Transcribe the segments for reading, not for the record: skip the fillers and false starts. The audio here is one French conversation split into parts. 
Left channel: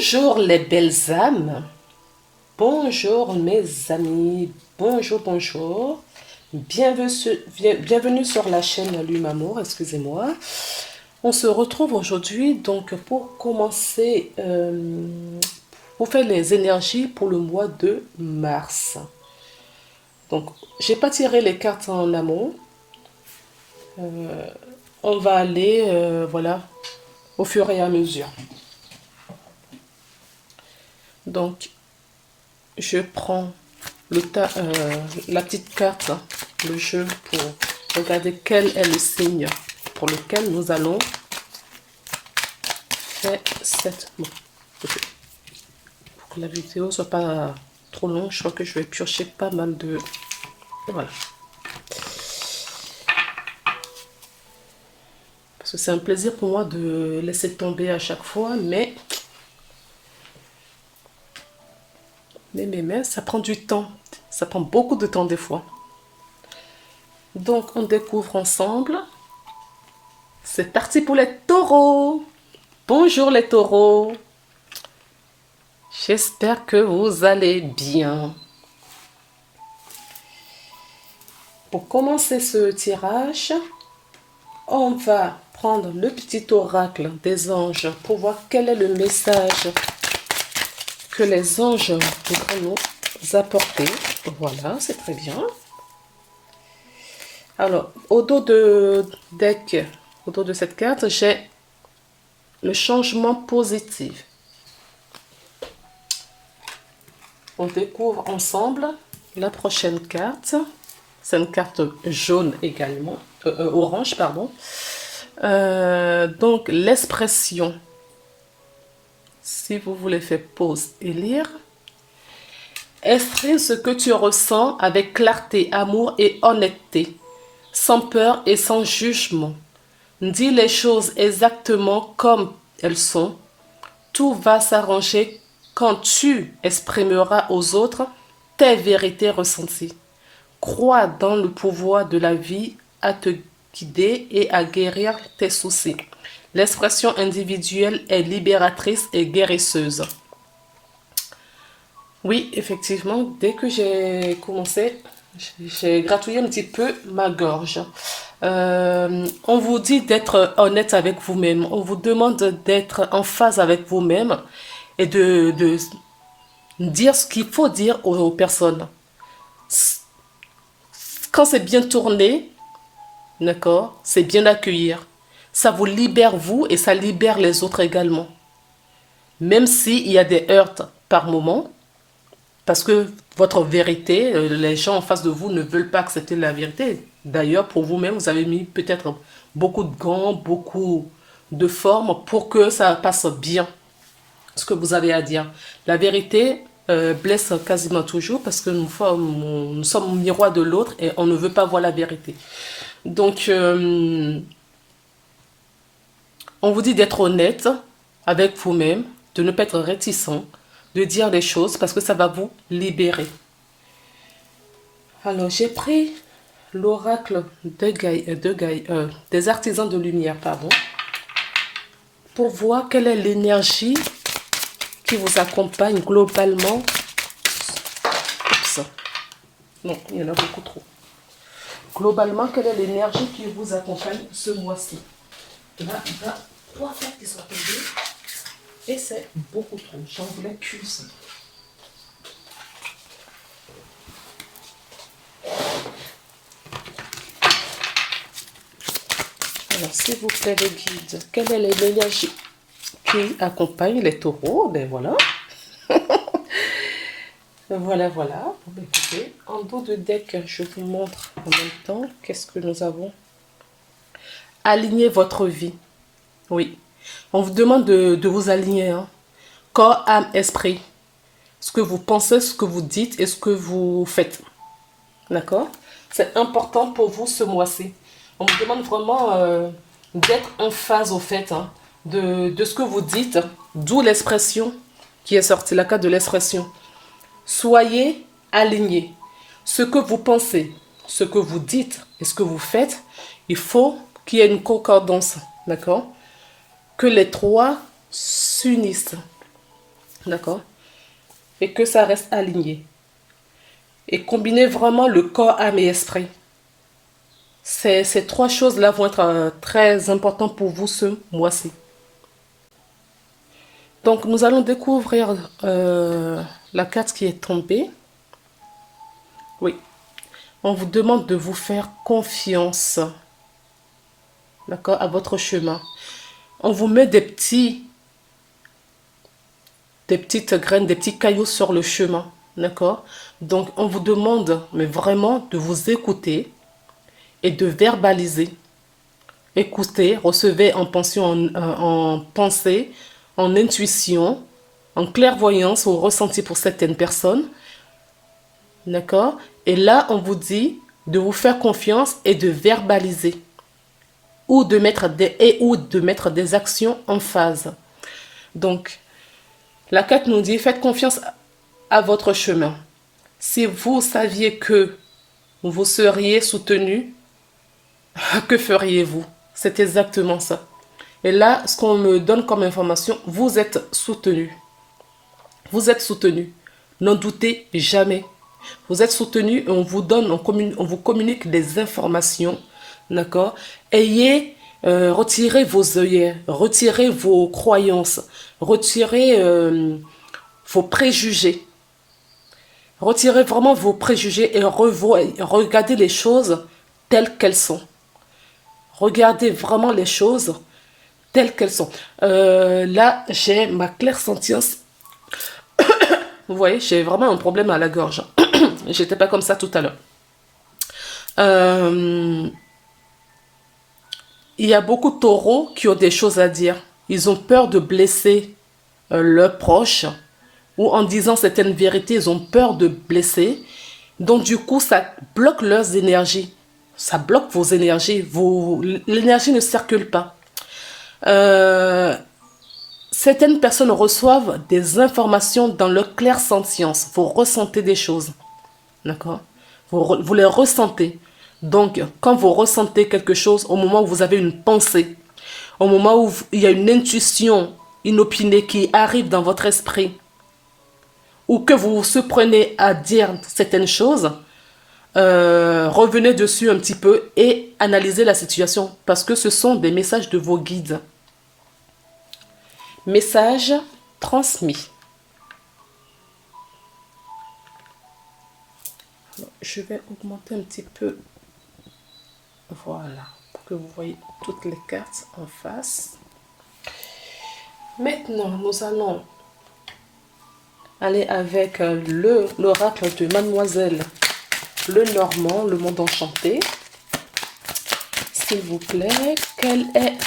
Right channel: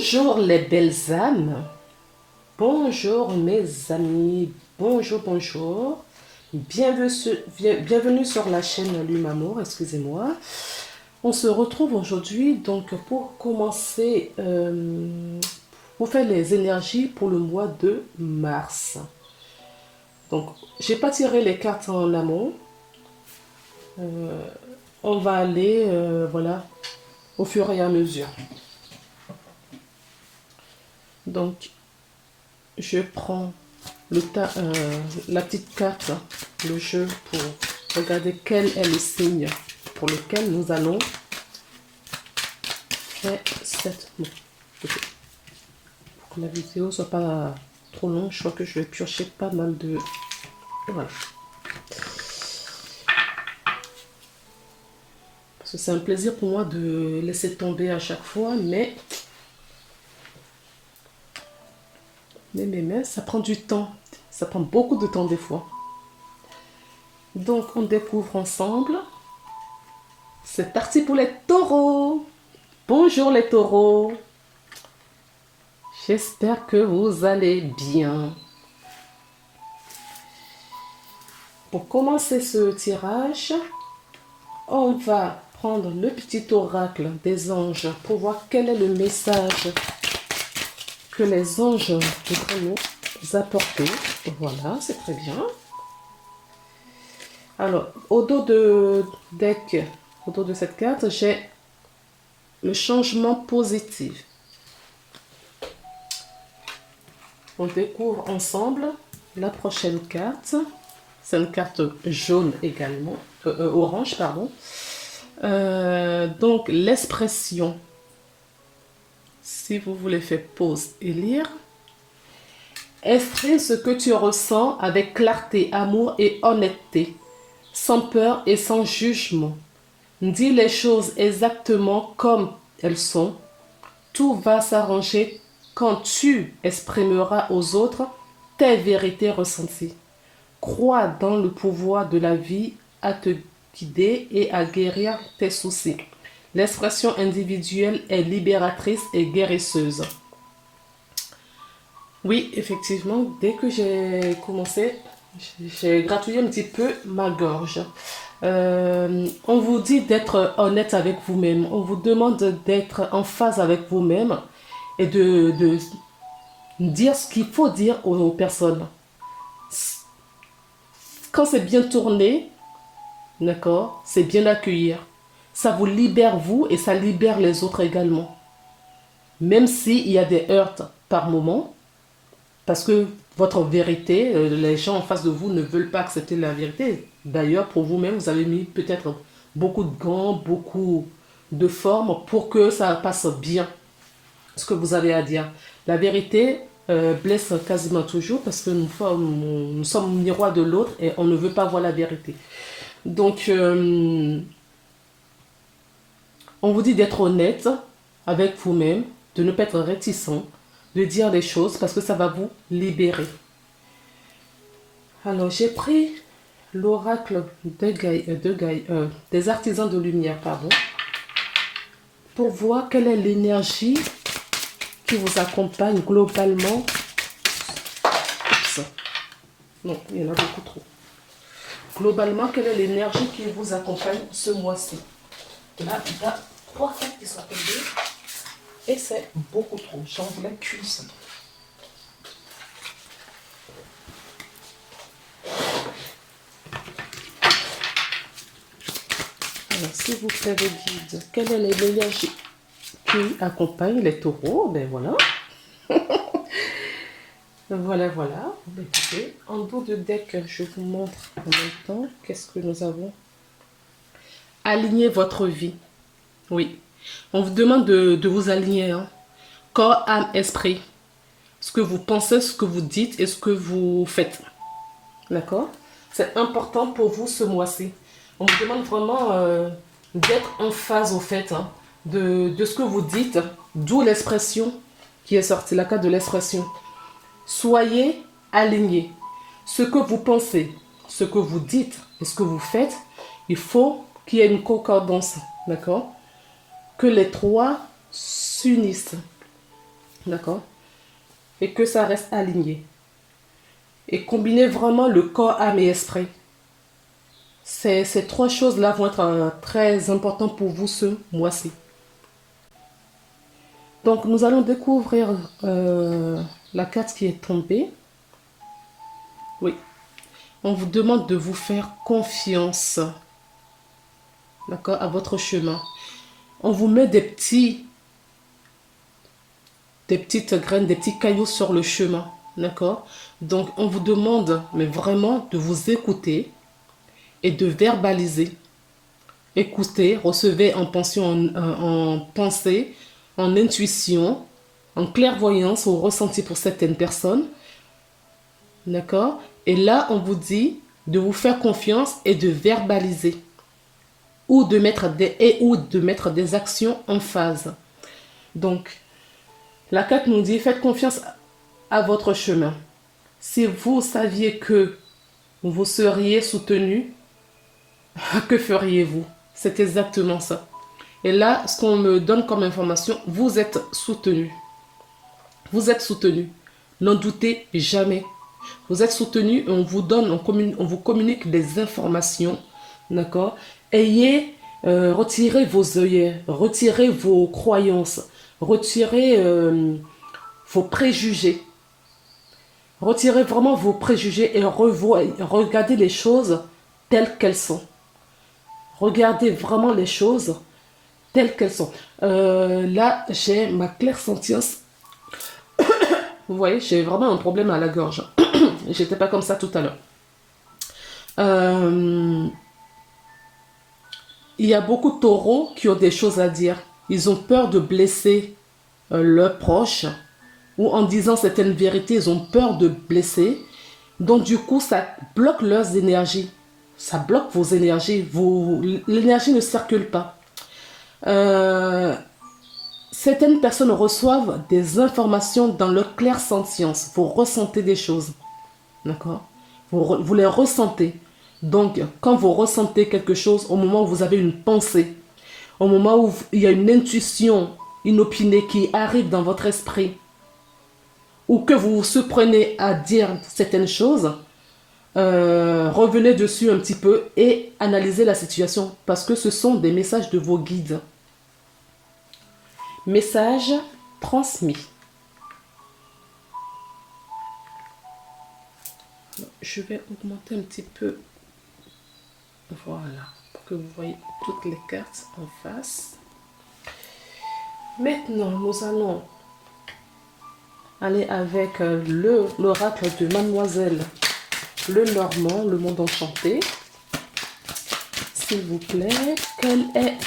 Bonjour les belles âmes, bonjour mes amis, bonjour. Bienvenue sur la chaîne Lumamour, excusez-moi. On se retrouve aujourd'hui donc pour commencer, pour faire les énergies pour le mois de mars. Donc, j'ai pas tiré les cartes en amont. On va aller, voilà, au fur et à mesure. Donc, je prends la petite carte, le jeu, pour regarder quel est le signe pour lequel nous allons faire cette... Pour que la vidéo ne soit pas trop longue, je crois que je vais piocher pas mal de... Voilà. Parce que c'est un plaisir pour moi de laisser tomber à chaque fois, mais ça prend du temps. Ça prend beaucoup de temps des fois. Donc, on découvre ensemble. C'est parti pour les taureaux. Bonjour les taureaux. J'espère que vous allez bien. Pour commencer ce tirage, on va prendre le petit oracle des anges pour voir quel est le message que les anges vont nous apporter. Voilà, c'est très bien. Alors, au dos de cette carte, j'ai le changement positif. On découvre ensemble la prochaine carte. C'est une carte jaune également, orange, pardon. Donc, l'expression. Si vous voulez faire pause et lire. Exprime ce que tu ressens avec clarté, amour et honnêteté, sans peur et sans jugement. Dis les choses exactement comme elles sont. Tout va s'arranger quand tu exprimeras aux autres tes vérités ressenties. Crois dans le pouvoir de la vie à te guider et à guérir tes soucis. L'expression individuelle est libératrice et guérisseuse. Oui, effectivement, dès que j'ai commencé, j'ai gratouillé un petit peu ma gorge. On vous dit d'être honnête avec vous-même. On vous demande d'être en phase avec vous-même et de dire ce qu'il faut dire aux personnes. Quand c'est bien tourné, d'accord, c'est bien accueillir. Ça vous libère vous et ça libère les autres également. Même s'il y a des heurts par moment, parce que votre vérité, les gens en face de vous ne veulent pas accepter la vérité. D'ailleurs, pour vous-même, vous avez mis peut-être beaucoup de gants, beaucoup de formes pour que ça passe bien, ce que vous avez à dire. La vérité blesse quasiment toujours parce que nous sommes au miroir de l'autre et on ne veut pas voir la vérité. Donc, on vous dit d'être honnête avec vous-même, de ne pas être réticent, de dire des choses parce que ça va vous libérer. Alors, j'ai pris l'oracle des artisans de lumière, pardon, pour voir quelle est l'énergie qui vous accompagne globalement. Oups. Non, il y en a beaucoup trop. Globalement, quelle est l'énergie qui vous accompagne ce mois-ci? Là, il y a 3 cartes qui sont tombées. Et c'est beaucoup trop. J'en voulais qu'une seule. Alors, s'il vous plaît, le guide, quelle est l'énergie qui accompagne les taureaux? Ben voilà. Voilà. Ben, écoutez, en dos de deck, je vous montre en même temps qu'est-ce que nous avons. Alignez votre vie. Oui. On vous demande de vous aligner. Hein. Corps, âme, esprit. Ce que vous pensez, ce que vous dites et ce que vous faites. D'accord? C'est important pour vous ce mois-ci. On vous demande vraiment d'être en phase au fait hein, de ce que vous dites. D'où l'expression qui est sortie, la carte de l'expression. Soyez alignés. Ce que vous pensez, ce que vous dites et ce que vous faites, il faut qu'il y ait une concordance. D'accord? Que les trois s'unissent. d'accord? Et que ça reste aligné. Et combiner vraiment le corps, âme et esprit. Ces trois choses-là vont être très importantes pour vous ce mois-ci. Donc, nous allons découvrir la carte qui est tombée. Oui. On vous demande de vous faire confiance, d'accord, à votre chemin. On vous met des petites graines, des petits cailloux sur le chemin, d'accord? Donc, on vous demande, mais vraiment, de vous écouter et de verbaliser. Écoutez, recevez en pensée, en pensée, en intuition, en clairvoyance ou ressenti pour certaines personnes, d'accord? Et là, on vous dit de vous faire confiance et de verbaliser ou de mettre des actions en phase. Donc, la carte nous dit, faites confiance à votre chemin. Si vous saviez que vous seriez soutenu, que feriez-vous? C'est exactement ça. Et là, ce qu'on me donne comme information, vous êtes soutenu. Vous êtes soutenu. N'en doutez jamais. Vous êtes soutenu et on vous donne, on vous communique des informations. D'accord? Retirez vos œillets, retirez vos croyances, retirez vos préjugés. Retirez vraiment vos préjugés et regardez les choses telles qu'elles sont. Regardez vraiment les choses telles qu'elles sont. Là, j'ai ma clairsentience. Vous voyez, j'ai vraiment un problème à la gorge. J'étais pas comme ça tout à l'heure. Il y a beaucoup de taureaux qui ont des choses à dire. Ils ont peur de blesser leurs proches ou en disant certaines vérités, ils ont peur de blesser. Donc du coup, ça bloque leurs énergies. Ça bloque vos énergies. L'énergie ne circule pas. Certaines personnes reçoivent des informations dans leur clairsentience. Vous ressentez des choses. D'accord? Vous les ressentez. Donc, quand vous ressentez quelque chose, au moment où vous avez une pensée, au moment où il y a une intuition inopinée qui arrive dans votre esprit, ou que vous vous surprenez à dire certaines choses, revenez dessus un petit peu et analysez la situation. Parce que ce sont des messages de vos guides. Message transmis. Je vais augmenter un petit peu. Voilà. Pour que vous voyez toutes les cartes en face. Maintenant, nous allons aller avec l'oracle de Mademoiselle Lenormand, le monde enchanté. S'il vous plaît, quelle est...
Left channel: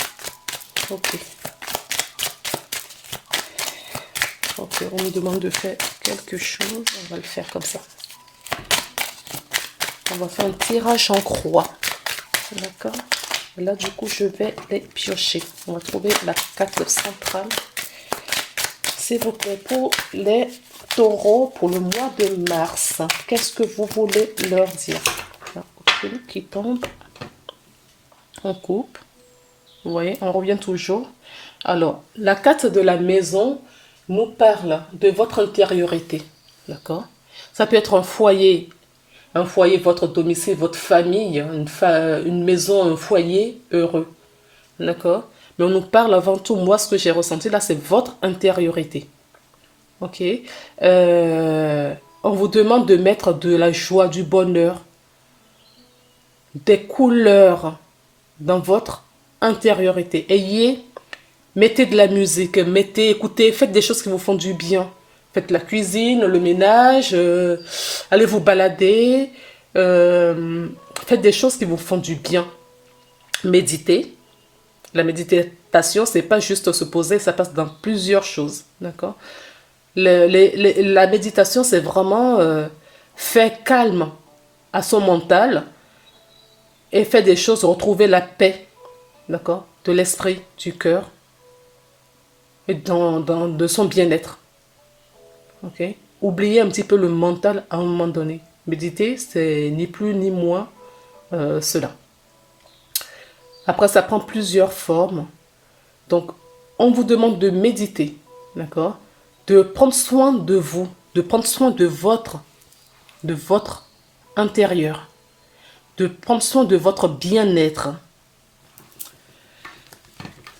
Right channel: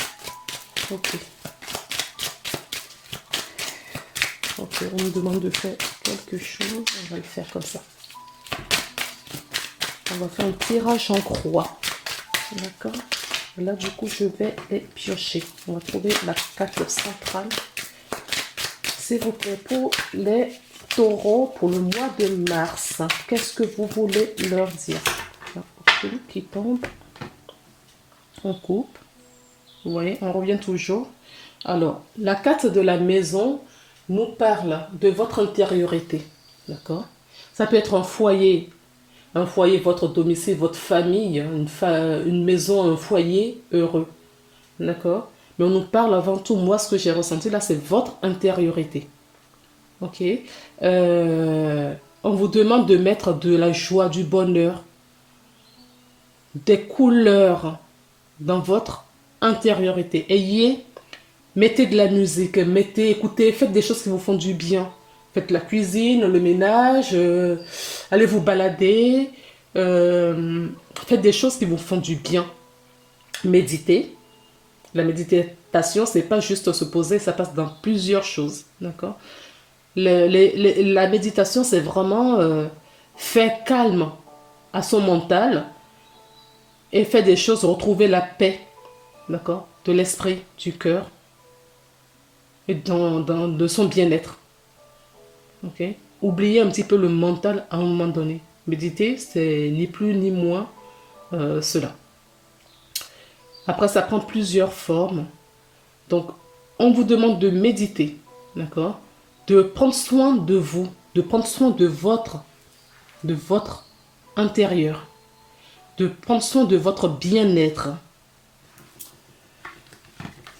Ok. Ok, on nous demande de faire quelque chose. On va le faire comme ça. On va faire un tirage en croix. D'accord? Là, du coup, je vais les piocher. On va trouver la carte centrale. S'il vous plaît, pour les taureaux, pour le mois de mars, qu'est-ce que vous voulez leur dire? Celui qui tombe, on coupe. Vous voyez, on revient toujours. Alors, la carte de la maison nous parle de votre intériorité. D'accord? Ça peut être un foyer, votre domicile, votre famille, une maison, un foyer heureux. D'accord? Mais on nous parle avant tout, moi, ce que j'ai ressenti là, c'est votre intériorité. Ok? On vous demande de mettre de la joie, du bonheur, des couleurs dans votre intériorité. Mettez de la musique, écoutez, faites des choses qui vous font du bien. Faites la cuisine, le ménage, allez vous balader, faites des choses qui vous font du bien. Méditez. La méditation, c'est pas juste se poser, ça passe dans plusieurs choses. D'accord? La méditation, c'est vraiment faire calme à son mental et faire des choses, retrouver la paix, d'accord, de l'esprit, du cœur et de son bien-être. Ok? Oubliez un petit peu le mental à un moment donné. Méditer, c'est ni plus ni moins cela. Après, ça prend plusieurs formes. Donc, on vous demande de méditer, d'accord? de prendre soin de vous, de prendre soin de votre intérieur, de prendre soin de votre bien-être.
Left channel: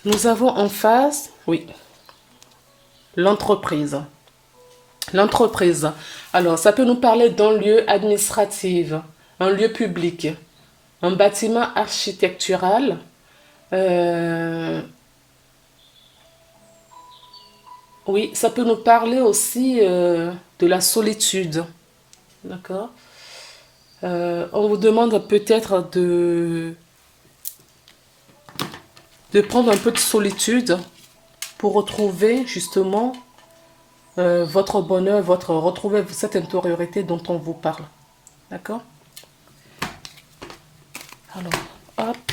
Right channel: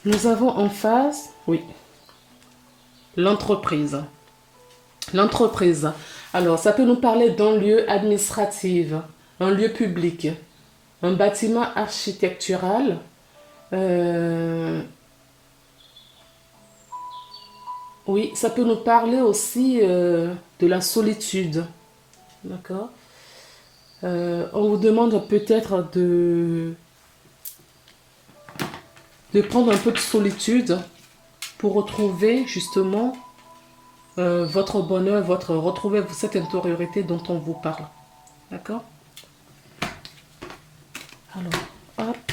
Nous avons en face, oui, l'entreprise. L'entreprise. Alors, ça peut nous parler d'un lieu administratif, un lieu public, un bâtiment architectural. Oui, ça peut nous parler aussi de la solitude. D'accord? On vous demande peut-être de prendre un peu de solitude pour retrouver justement votre bonheur, retrouver cette intériorité dont on vous parle. D'accord? Alors, hop.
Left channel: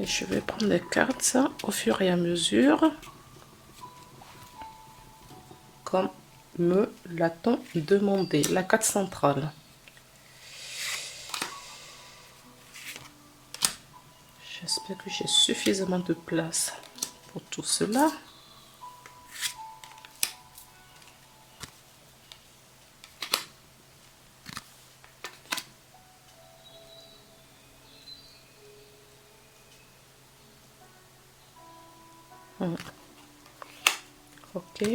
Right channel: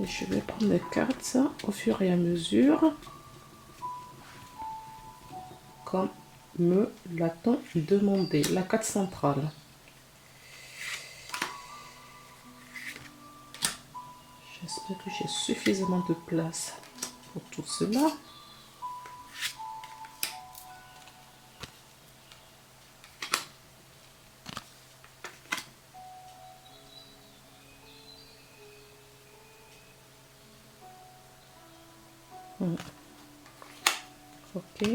Et je vais prendre les cartes au fur et à mesure. Comme me l'a-t-on demandé. La carte centrale. J'espère que j'ai suffisamment de place pour tout cela. Ok.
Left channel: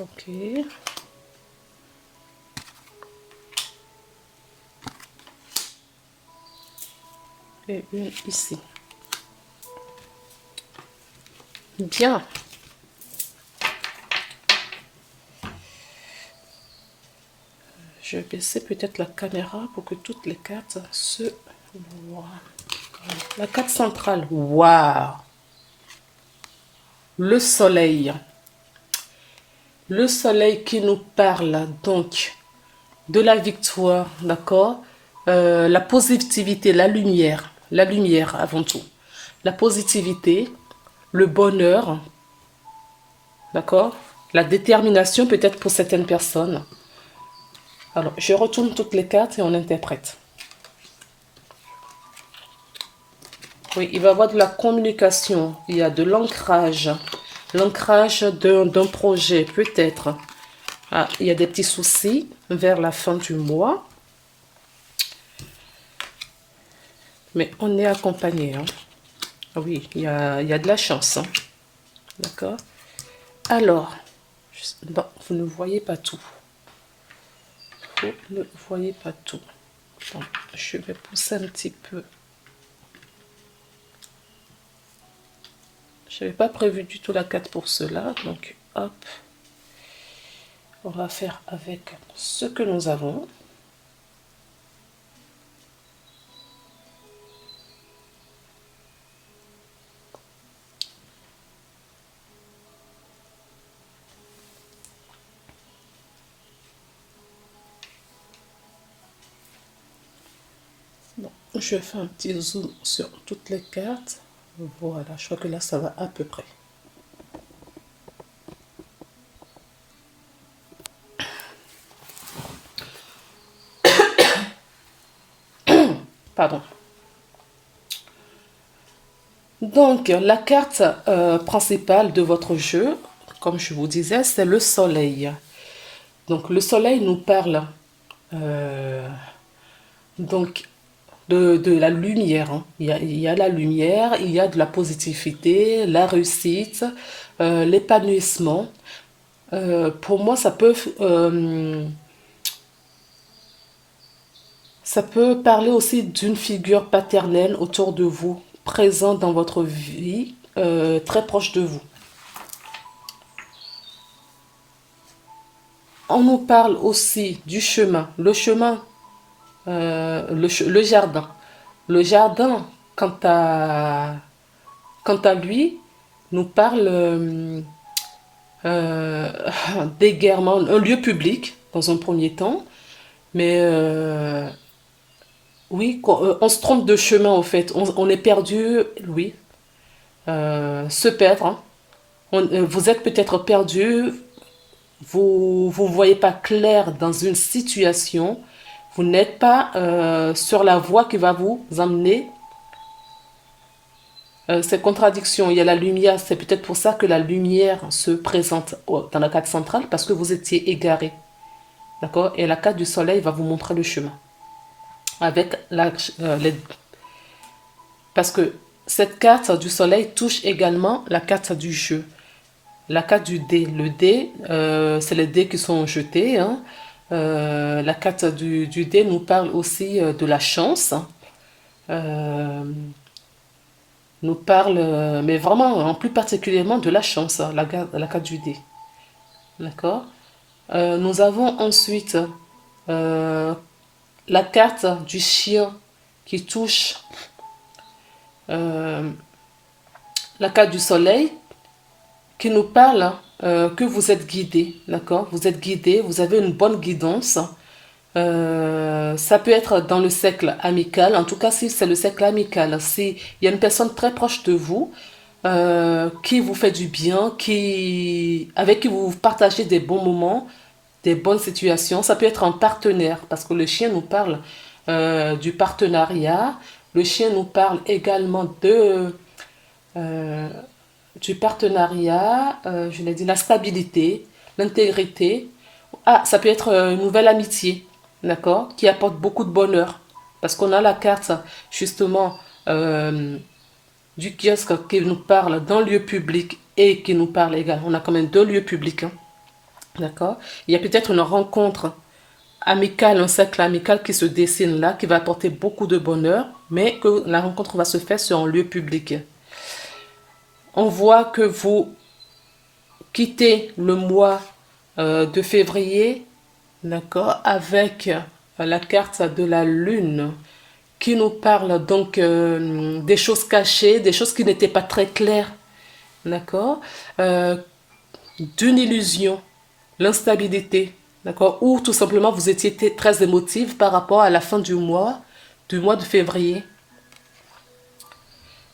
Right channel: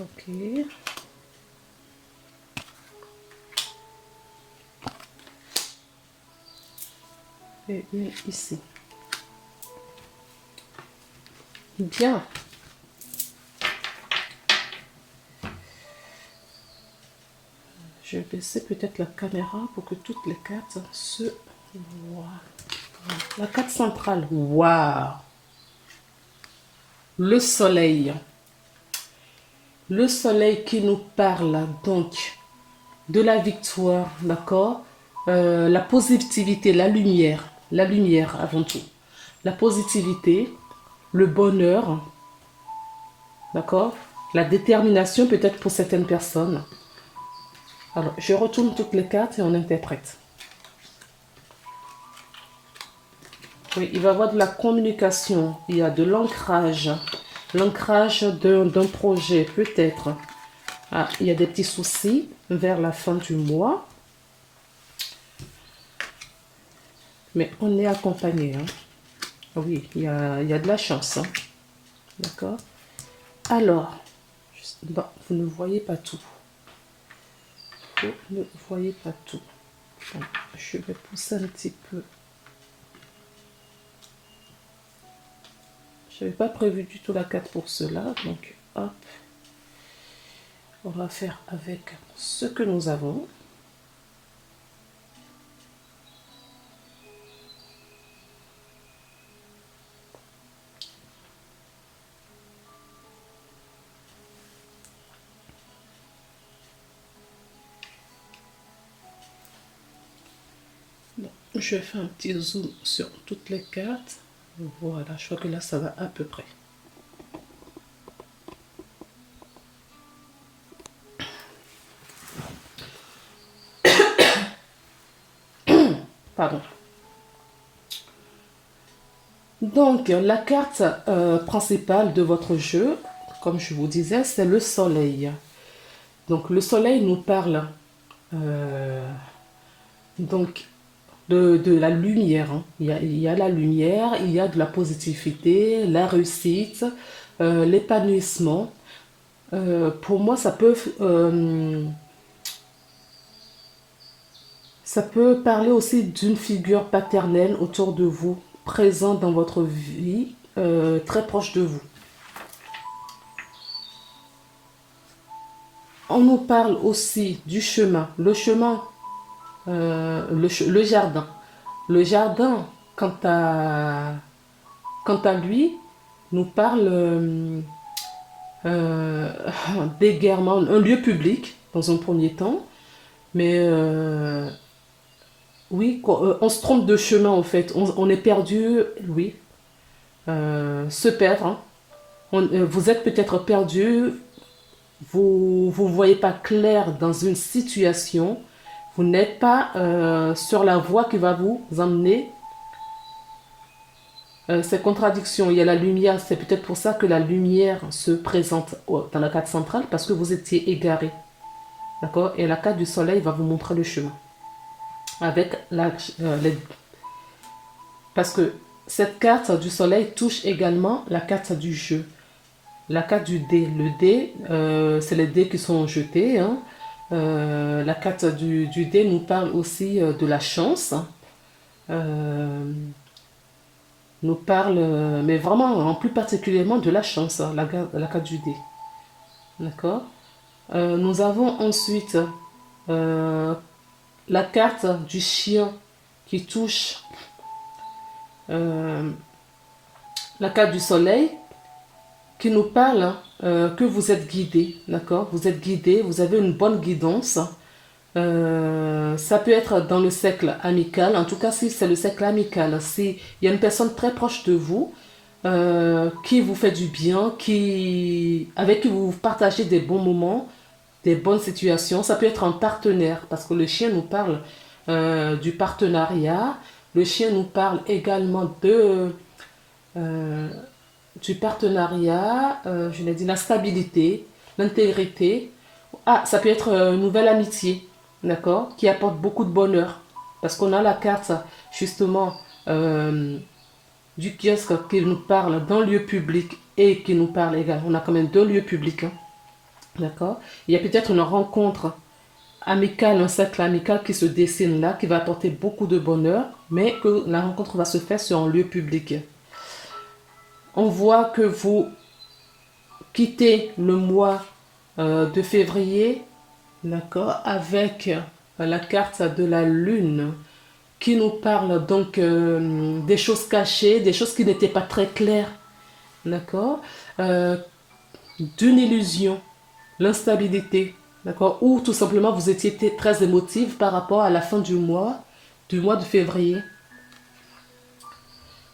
Ok. Et une ici. Bien. Je vais baisser peut-être la caméra pour que toutes les cartes se voient. La carte centrale. Waouh! Le soleil. Le soleil qui nous parle donc de la victoire, d'accord? La positivité, la lumière avant tout. La positivité, le bonheur, d'accord? La détermination peut-être pour certaines personnes. Alors, je retourne toutes les cartes et on interprète. Oui, il va y avoir de la communication, il y a de l'ancrage. L'ancrage d'un projet, peut-être. Ah, il y a des petits soucis vers la fin du mois. Mais on est accompagné. Hein. Oui, il y a de la chance. Hein. D'accord? Alors, non, vous ne voyez pas tout. Vous ne voyez pas tout. Bon, je vais pousser un petit peu. Je n'avais pas prévu du tout la 4 pour cela. Donc, hop. On va faire avec ce que nous avons. Bon, je vais faire un petit zoom sur toutes les cartes. Voilà, je crois que là, ça va à peu près. Pardon. Donc, la carte principale de votre jeu, comme je vous disais, c'est le soleil. Donc, le soleil nous parle donc de la lumière. Hein. Il y a la lumière, il y a de la positivité, la réussite, l'épanouissement. Pour moi, ça peut parler aussi d'une figure paternelle autour de vous, présente dans votre vie, très proche de vous. On nous parle aussi du chemin, le chemin, le jardin. Le jardin, quant à lui, nous parle d'égarement, un lieu public dans un premier temps, mais oui, on se trompe de chemin en fait, on est perdu, oui, se perdre. Hein. Vous êtes peut-être perdu, vous ne voyez pas clair dans une situation, vous n'êtes pas sur la voie qui va vous emmener ces contradictions. Il y a la lumière, c'est peut-être pour ça que la lumière se présente dans la carte centrale, parce que vous étiez égaré. D'accord? Et la carte du soleil va vous montrer le chemin. Avec parce que cette carte du soleil touche également la carte du jeu. La carte du dé. Le dé, c'est les dés qui sont jetés. Hein. La carte du dé nous parle aussi de la chance. Nous parle, mais vraiment, en plus particulièrement de la chance, hein, la carte du dé. D'accord? Nous avons ensuite la carte du chien qui touche la carte du soleil qui nous parle que vous êtes guidé, d'accord? Vous êtes guidé, vous avez une bonne guidance. Ça peut être dans le cercle amical, en tout cas si c'est le cercle amical, si il y a une personne très proche de vous qui vous fait du bien, avec qui vous partagez des bons moments, des bonnes situations. Ça peut être un partenaire, parce que le chien nous parle du partenariat. Le chien nous parle également du partenariat, je l'ai dit, la stabilité, l'intégrité. Ah, ça peut être une nouvelle amitié, d'accord, qui apporte beaucoup de bonheur. Parce qu'on a la carte, justement, du kiosque qui nous parle d'un lieu public et qui nous parle également. On a quand même deux lieux publics, hein, d'accord. Il y a peut-être une rencontre amicale, un cercle amical qui se dessine là, qui va apporter beaucoup de bonheur, mais que la rencontre va se faire sur un lieu public. On voit que vous quittez le mois de février, d'accord, avec la carte de la lune qui nous parle donc des choses cachées, des choses qui n'étaient pas très claires, d'accord, d'une illusion, l'instabilité, d'accord, ou tout simplement vous étiez très émotive par rapport à la fin du mois de février.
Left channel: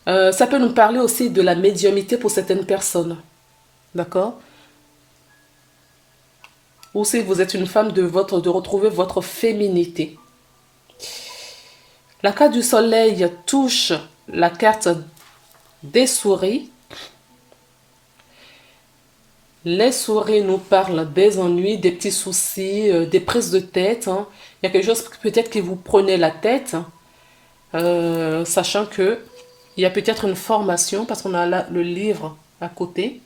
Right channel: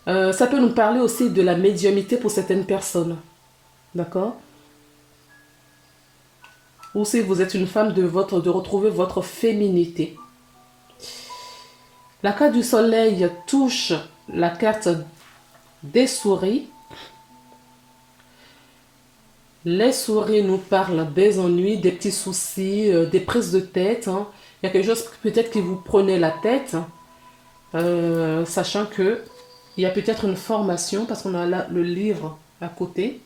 Ça peut nous parler aussi de la médiumnité pour certaines personnes, d'accord. Ou si vous êtes une femme, de retrouver votre féminité. La carte du soleil touche la carte des souris. Les souris nous parlent des ennuis, des petits soucis, des prises de tête. Hein. Il y a quelque chose peut-être qui vous prenait la tête, sachant que il y a peut-être une formation, parce qu'on a là le livre à côté.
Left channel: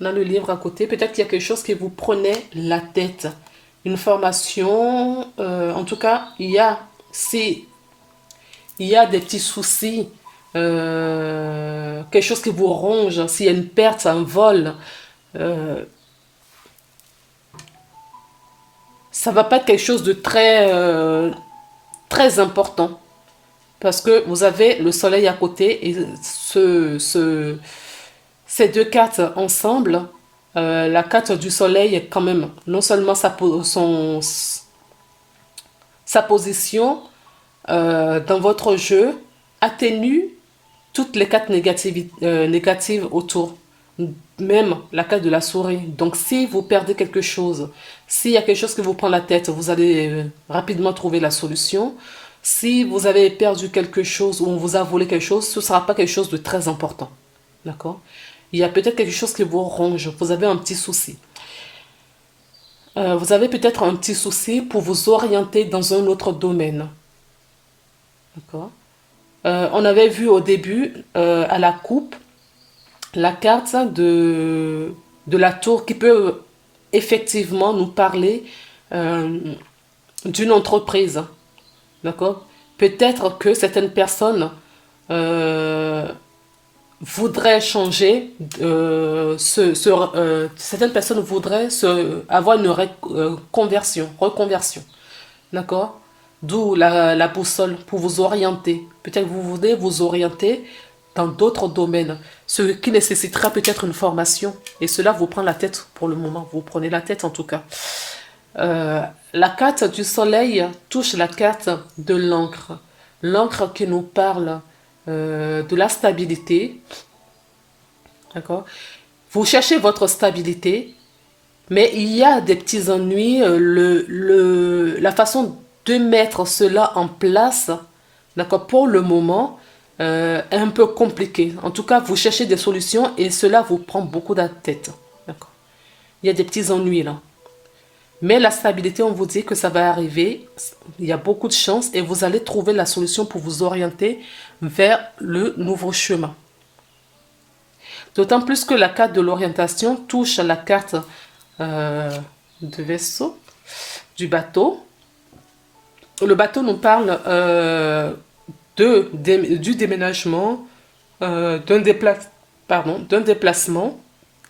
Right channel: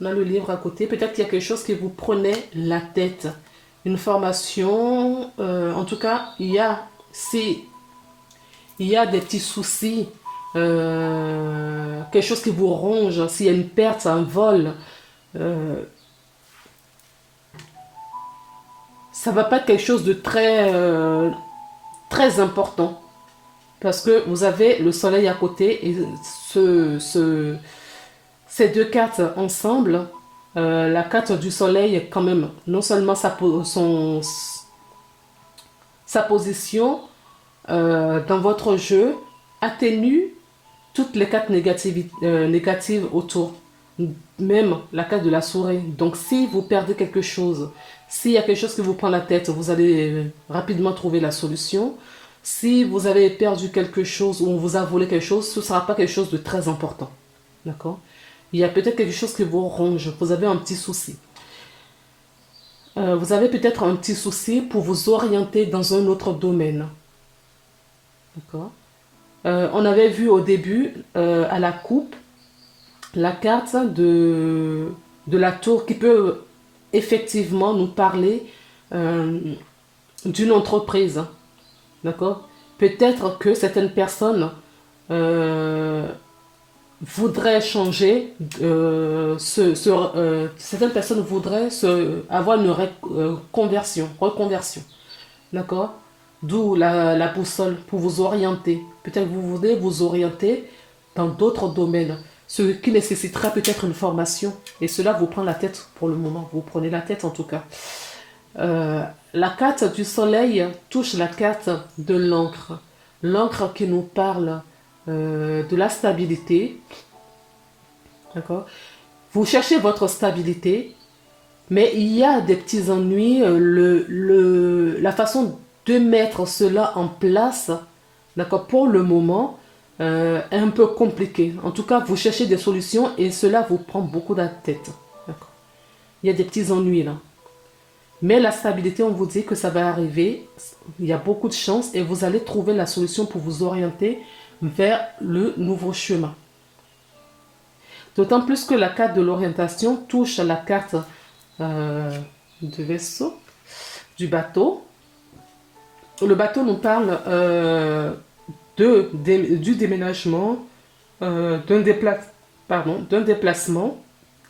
On a le livre à côté. Peut-être qu'il y a quelque chose qui vous prenait la tête. Une formation. En tout cas, il y a des petits soucis. Quelque chose qui vous ronge. S'il y a une perte, un vol. Ça va pas être quelque chose de très, très important. Parce que vous avez le soleil à côté. Et ces deux cartes ensemble, la carte du soleil, quand même, non seulement sa position dans votre jeu atténue toutes les cartes négatives autour. Même la carte de la souris. Donc, si vous perdez quelque chose, s'il y a quelque chose qui vous prend la tête, vous allez rapidement trouver la solution. Si vous avez perdu quelque chose ou on vous a volé quelque chose, ce ne sera pas quelque chose de très important. D'accord? Il y a peut-être quelque chose qui vous ronge. Vous avez un petit souci. Vous avez peut-être un petit souci pour vous orienter dans un autre domaine. D'accord? On avait vu au début, à la coupe, la carte de la tour qui peut effectivement nous parler d'une entreprise. D'accord? Peut-être que certaines personnes voudraient changer, certaines personnes voudraient avoir une reconversion. D'accord? D'où la boussole pour vous orienter. Peut-être que vous voulez vous orienter dans d'autres domaines, ce qui nécessitera peut-être une formation. Et cela vous prend la tête pour le moment. Vous prenez la tête en tout cas. La carte du soleil touche la carte de l'encre. L'encre qui nous parle de la stabilité. D'accord? Vous cherchez votre stabilité, mais il y a des petits ennuis. La façon de mettre cela en place, d'accord, pour le moment, est un peu compliqué. En tout cas, vous cherchez des solutions et cela vous prend beaucoup de la tête. D'accord. Il y a des petits ennuis là. Mais la stabilité, on vous dit que ça va arriver. Il y a beaucoup de chance et vous allez trouver la solution pour vous orienter vers le nouveau chemin. D'autant plus que la carte de l'orientation touche à la carte de vaisseau, du bateau. Le bateau nous parle du déménagement, d'un déplacement.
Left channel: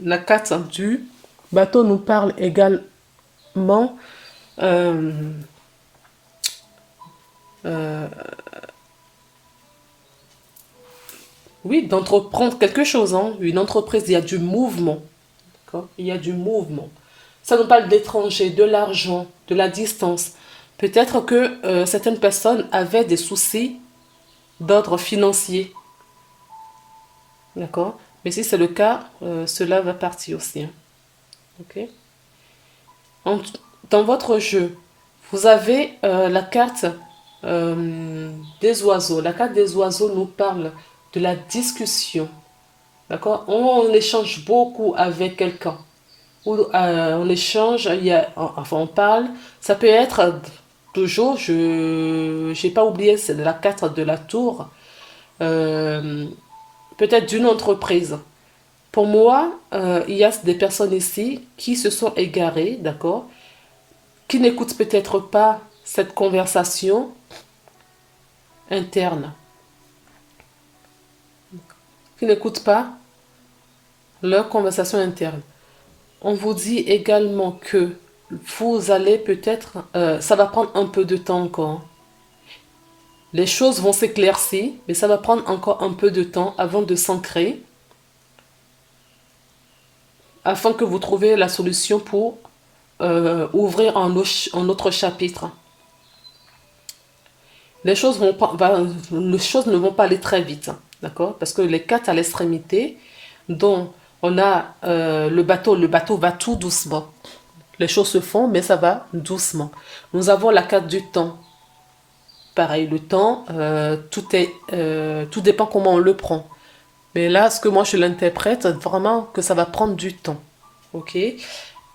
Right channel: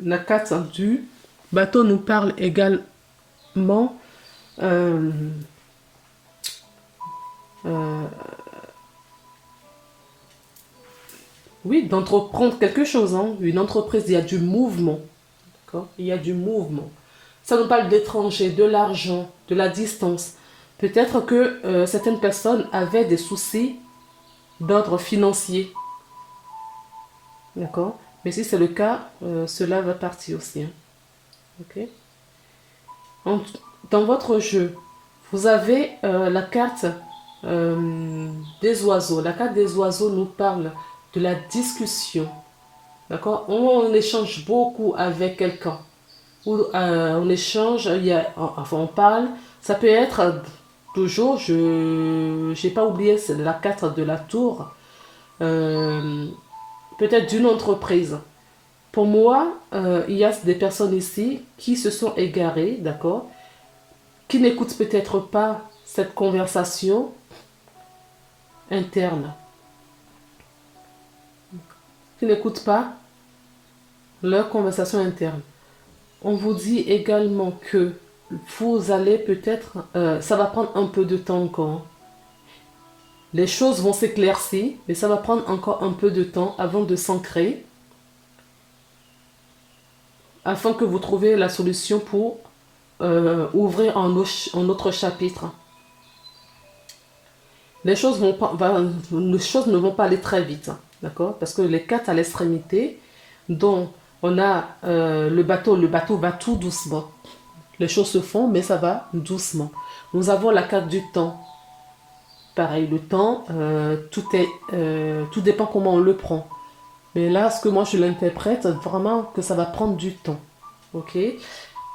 La carte du bateau nous parle également oui, d'entreprendre quelque chose, hein. Une entreprise, il y a du mouvement. Il y a du mouvement. Ça nous parle d'étrangers, de l'argent, de la distance. Peut-être que certaines personnes avaient des soucis d'ordre financier. D'accord. Mais si c'est le cas, cela va partir aussi. Hein. Ok. Dans votre jeu, vous avez la carte des oiseaux. La carte des oiseaux nous parle de la discussion. D'accord. On échange beaucoup avec quelqu'un. On échange, enfin on parle. Ça peut être toujours, je n'ai pas oublié, c'est la carte de la tour. Peut-être d'une entreprise. Pour moi, il y a des personnes ici qui se sont égarées, d'accord, qui n'écoutent peut-être pas cette conversation interne, qui n'écoutent pas leur conversation interne. On vous dit également que vous allez peut-être, ça va prendre un peu de temps encore. Les choses vont s'éclaircir, mais ça va prendre encore un peu de temps avant de s'ancrer, afin que vous trouviez la solution pour ouvrir un autre chapitre. Les choses ne vont pas aller très vite, hein, d'accord? Parce que les cartes à l'extrémité, dont on a le bateau va tout doucement. Les choses se font, mais ça va doucement. Nous avons la carte du temps. Pareil, le temps, tout dépend comment on le prend. Mais là, ce que moi je l'interprète, vraiment que ça va prendre du temps. Ok?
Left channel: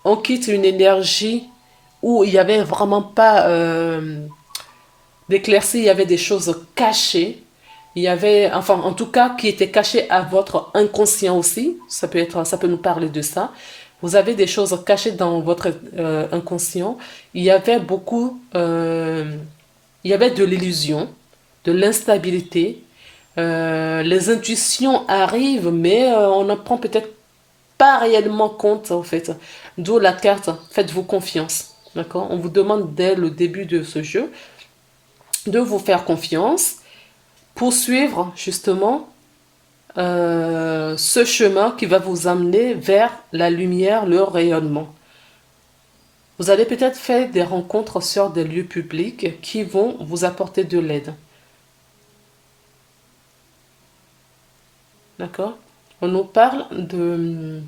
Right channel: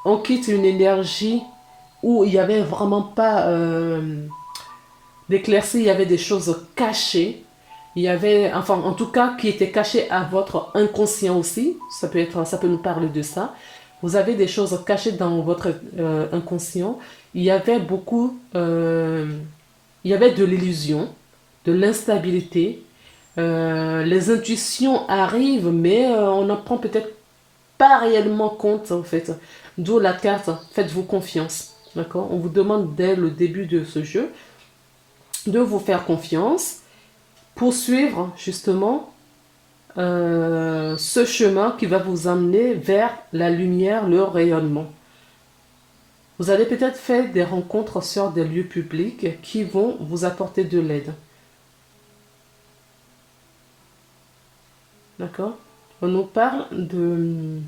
On quitte une énergie où il n'y avait vraiment pas d'éclaircie, il y avait des choses cachées. Il y avait, enfin, en tout cas, qui étaient cachées à votre inconscient aussi. Ça peut nous parler de ça. Vous avez des choses cachées dans votre inconscient. Il y avait il y avait de l'illusion, de l'instabilité. Les intuitions arrivent, mais on n'en prend peut-être pas réellement compte, en fait. D'où la carte, faites-vous confiance. D'accord? On vous demande dès le début de ce jeu de vous faire confiance, poursuivre justement ce chemin qui va vous amener vers la lumière, le rayonnement. Vous allez peut-être faire des rencontres sur des lieux publics qui vont vous apporter de l'aide. D'accord? On nous parle de...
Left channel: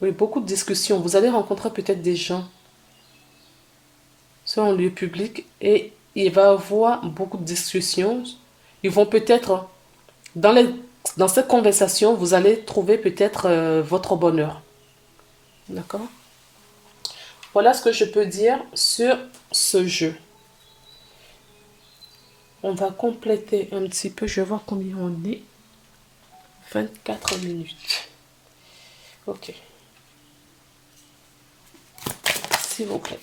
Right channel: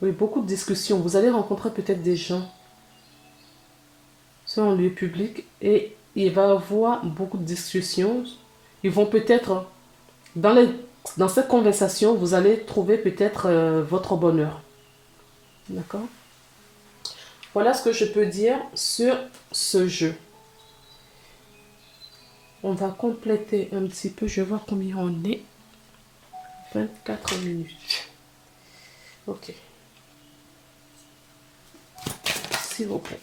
Oui, beaucoup de discussions. Vous allez rencontrer peut-être des gens sur un lieu public et il va y avoir beaucoup de discussions. Ils vont peut-être, dans cette conversation, vous allez trouver peut-être votre bonheur. D'accord? Voilà ce que je peux dire sur ce jeu. On va compléter un petit peu. Je vois combien on est. 24 minutes. Ok. S'il vous plaît.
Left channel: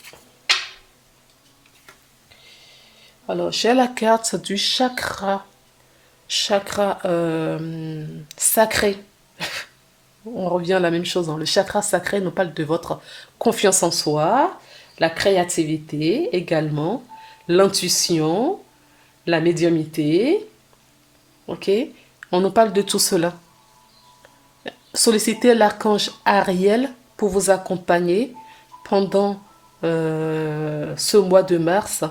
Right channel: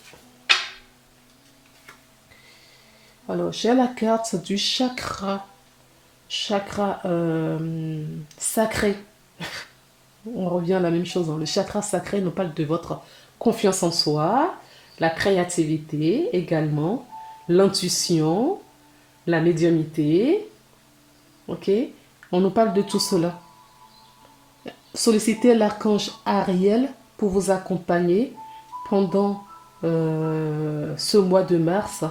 Alors, j'ai la carte du chakra. Chakra sacré. On revient à la même chose. Hein. Le chakra sacré nous parle de votre confiance en soi, la créativité également, l'intuition, la médiumnité. Ok? On nous parle de tout cela. Sollicitez l'archange Ariel pour vous accompagner pendant ce mois de mars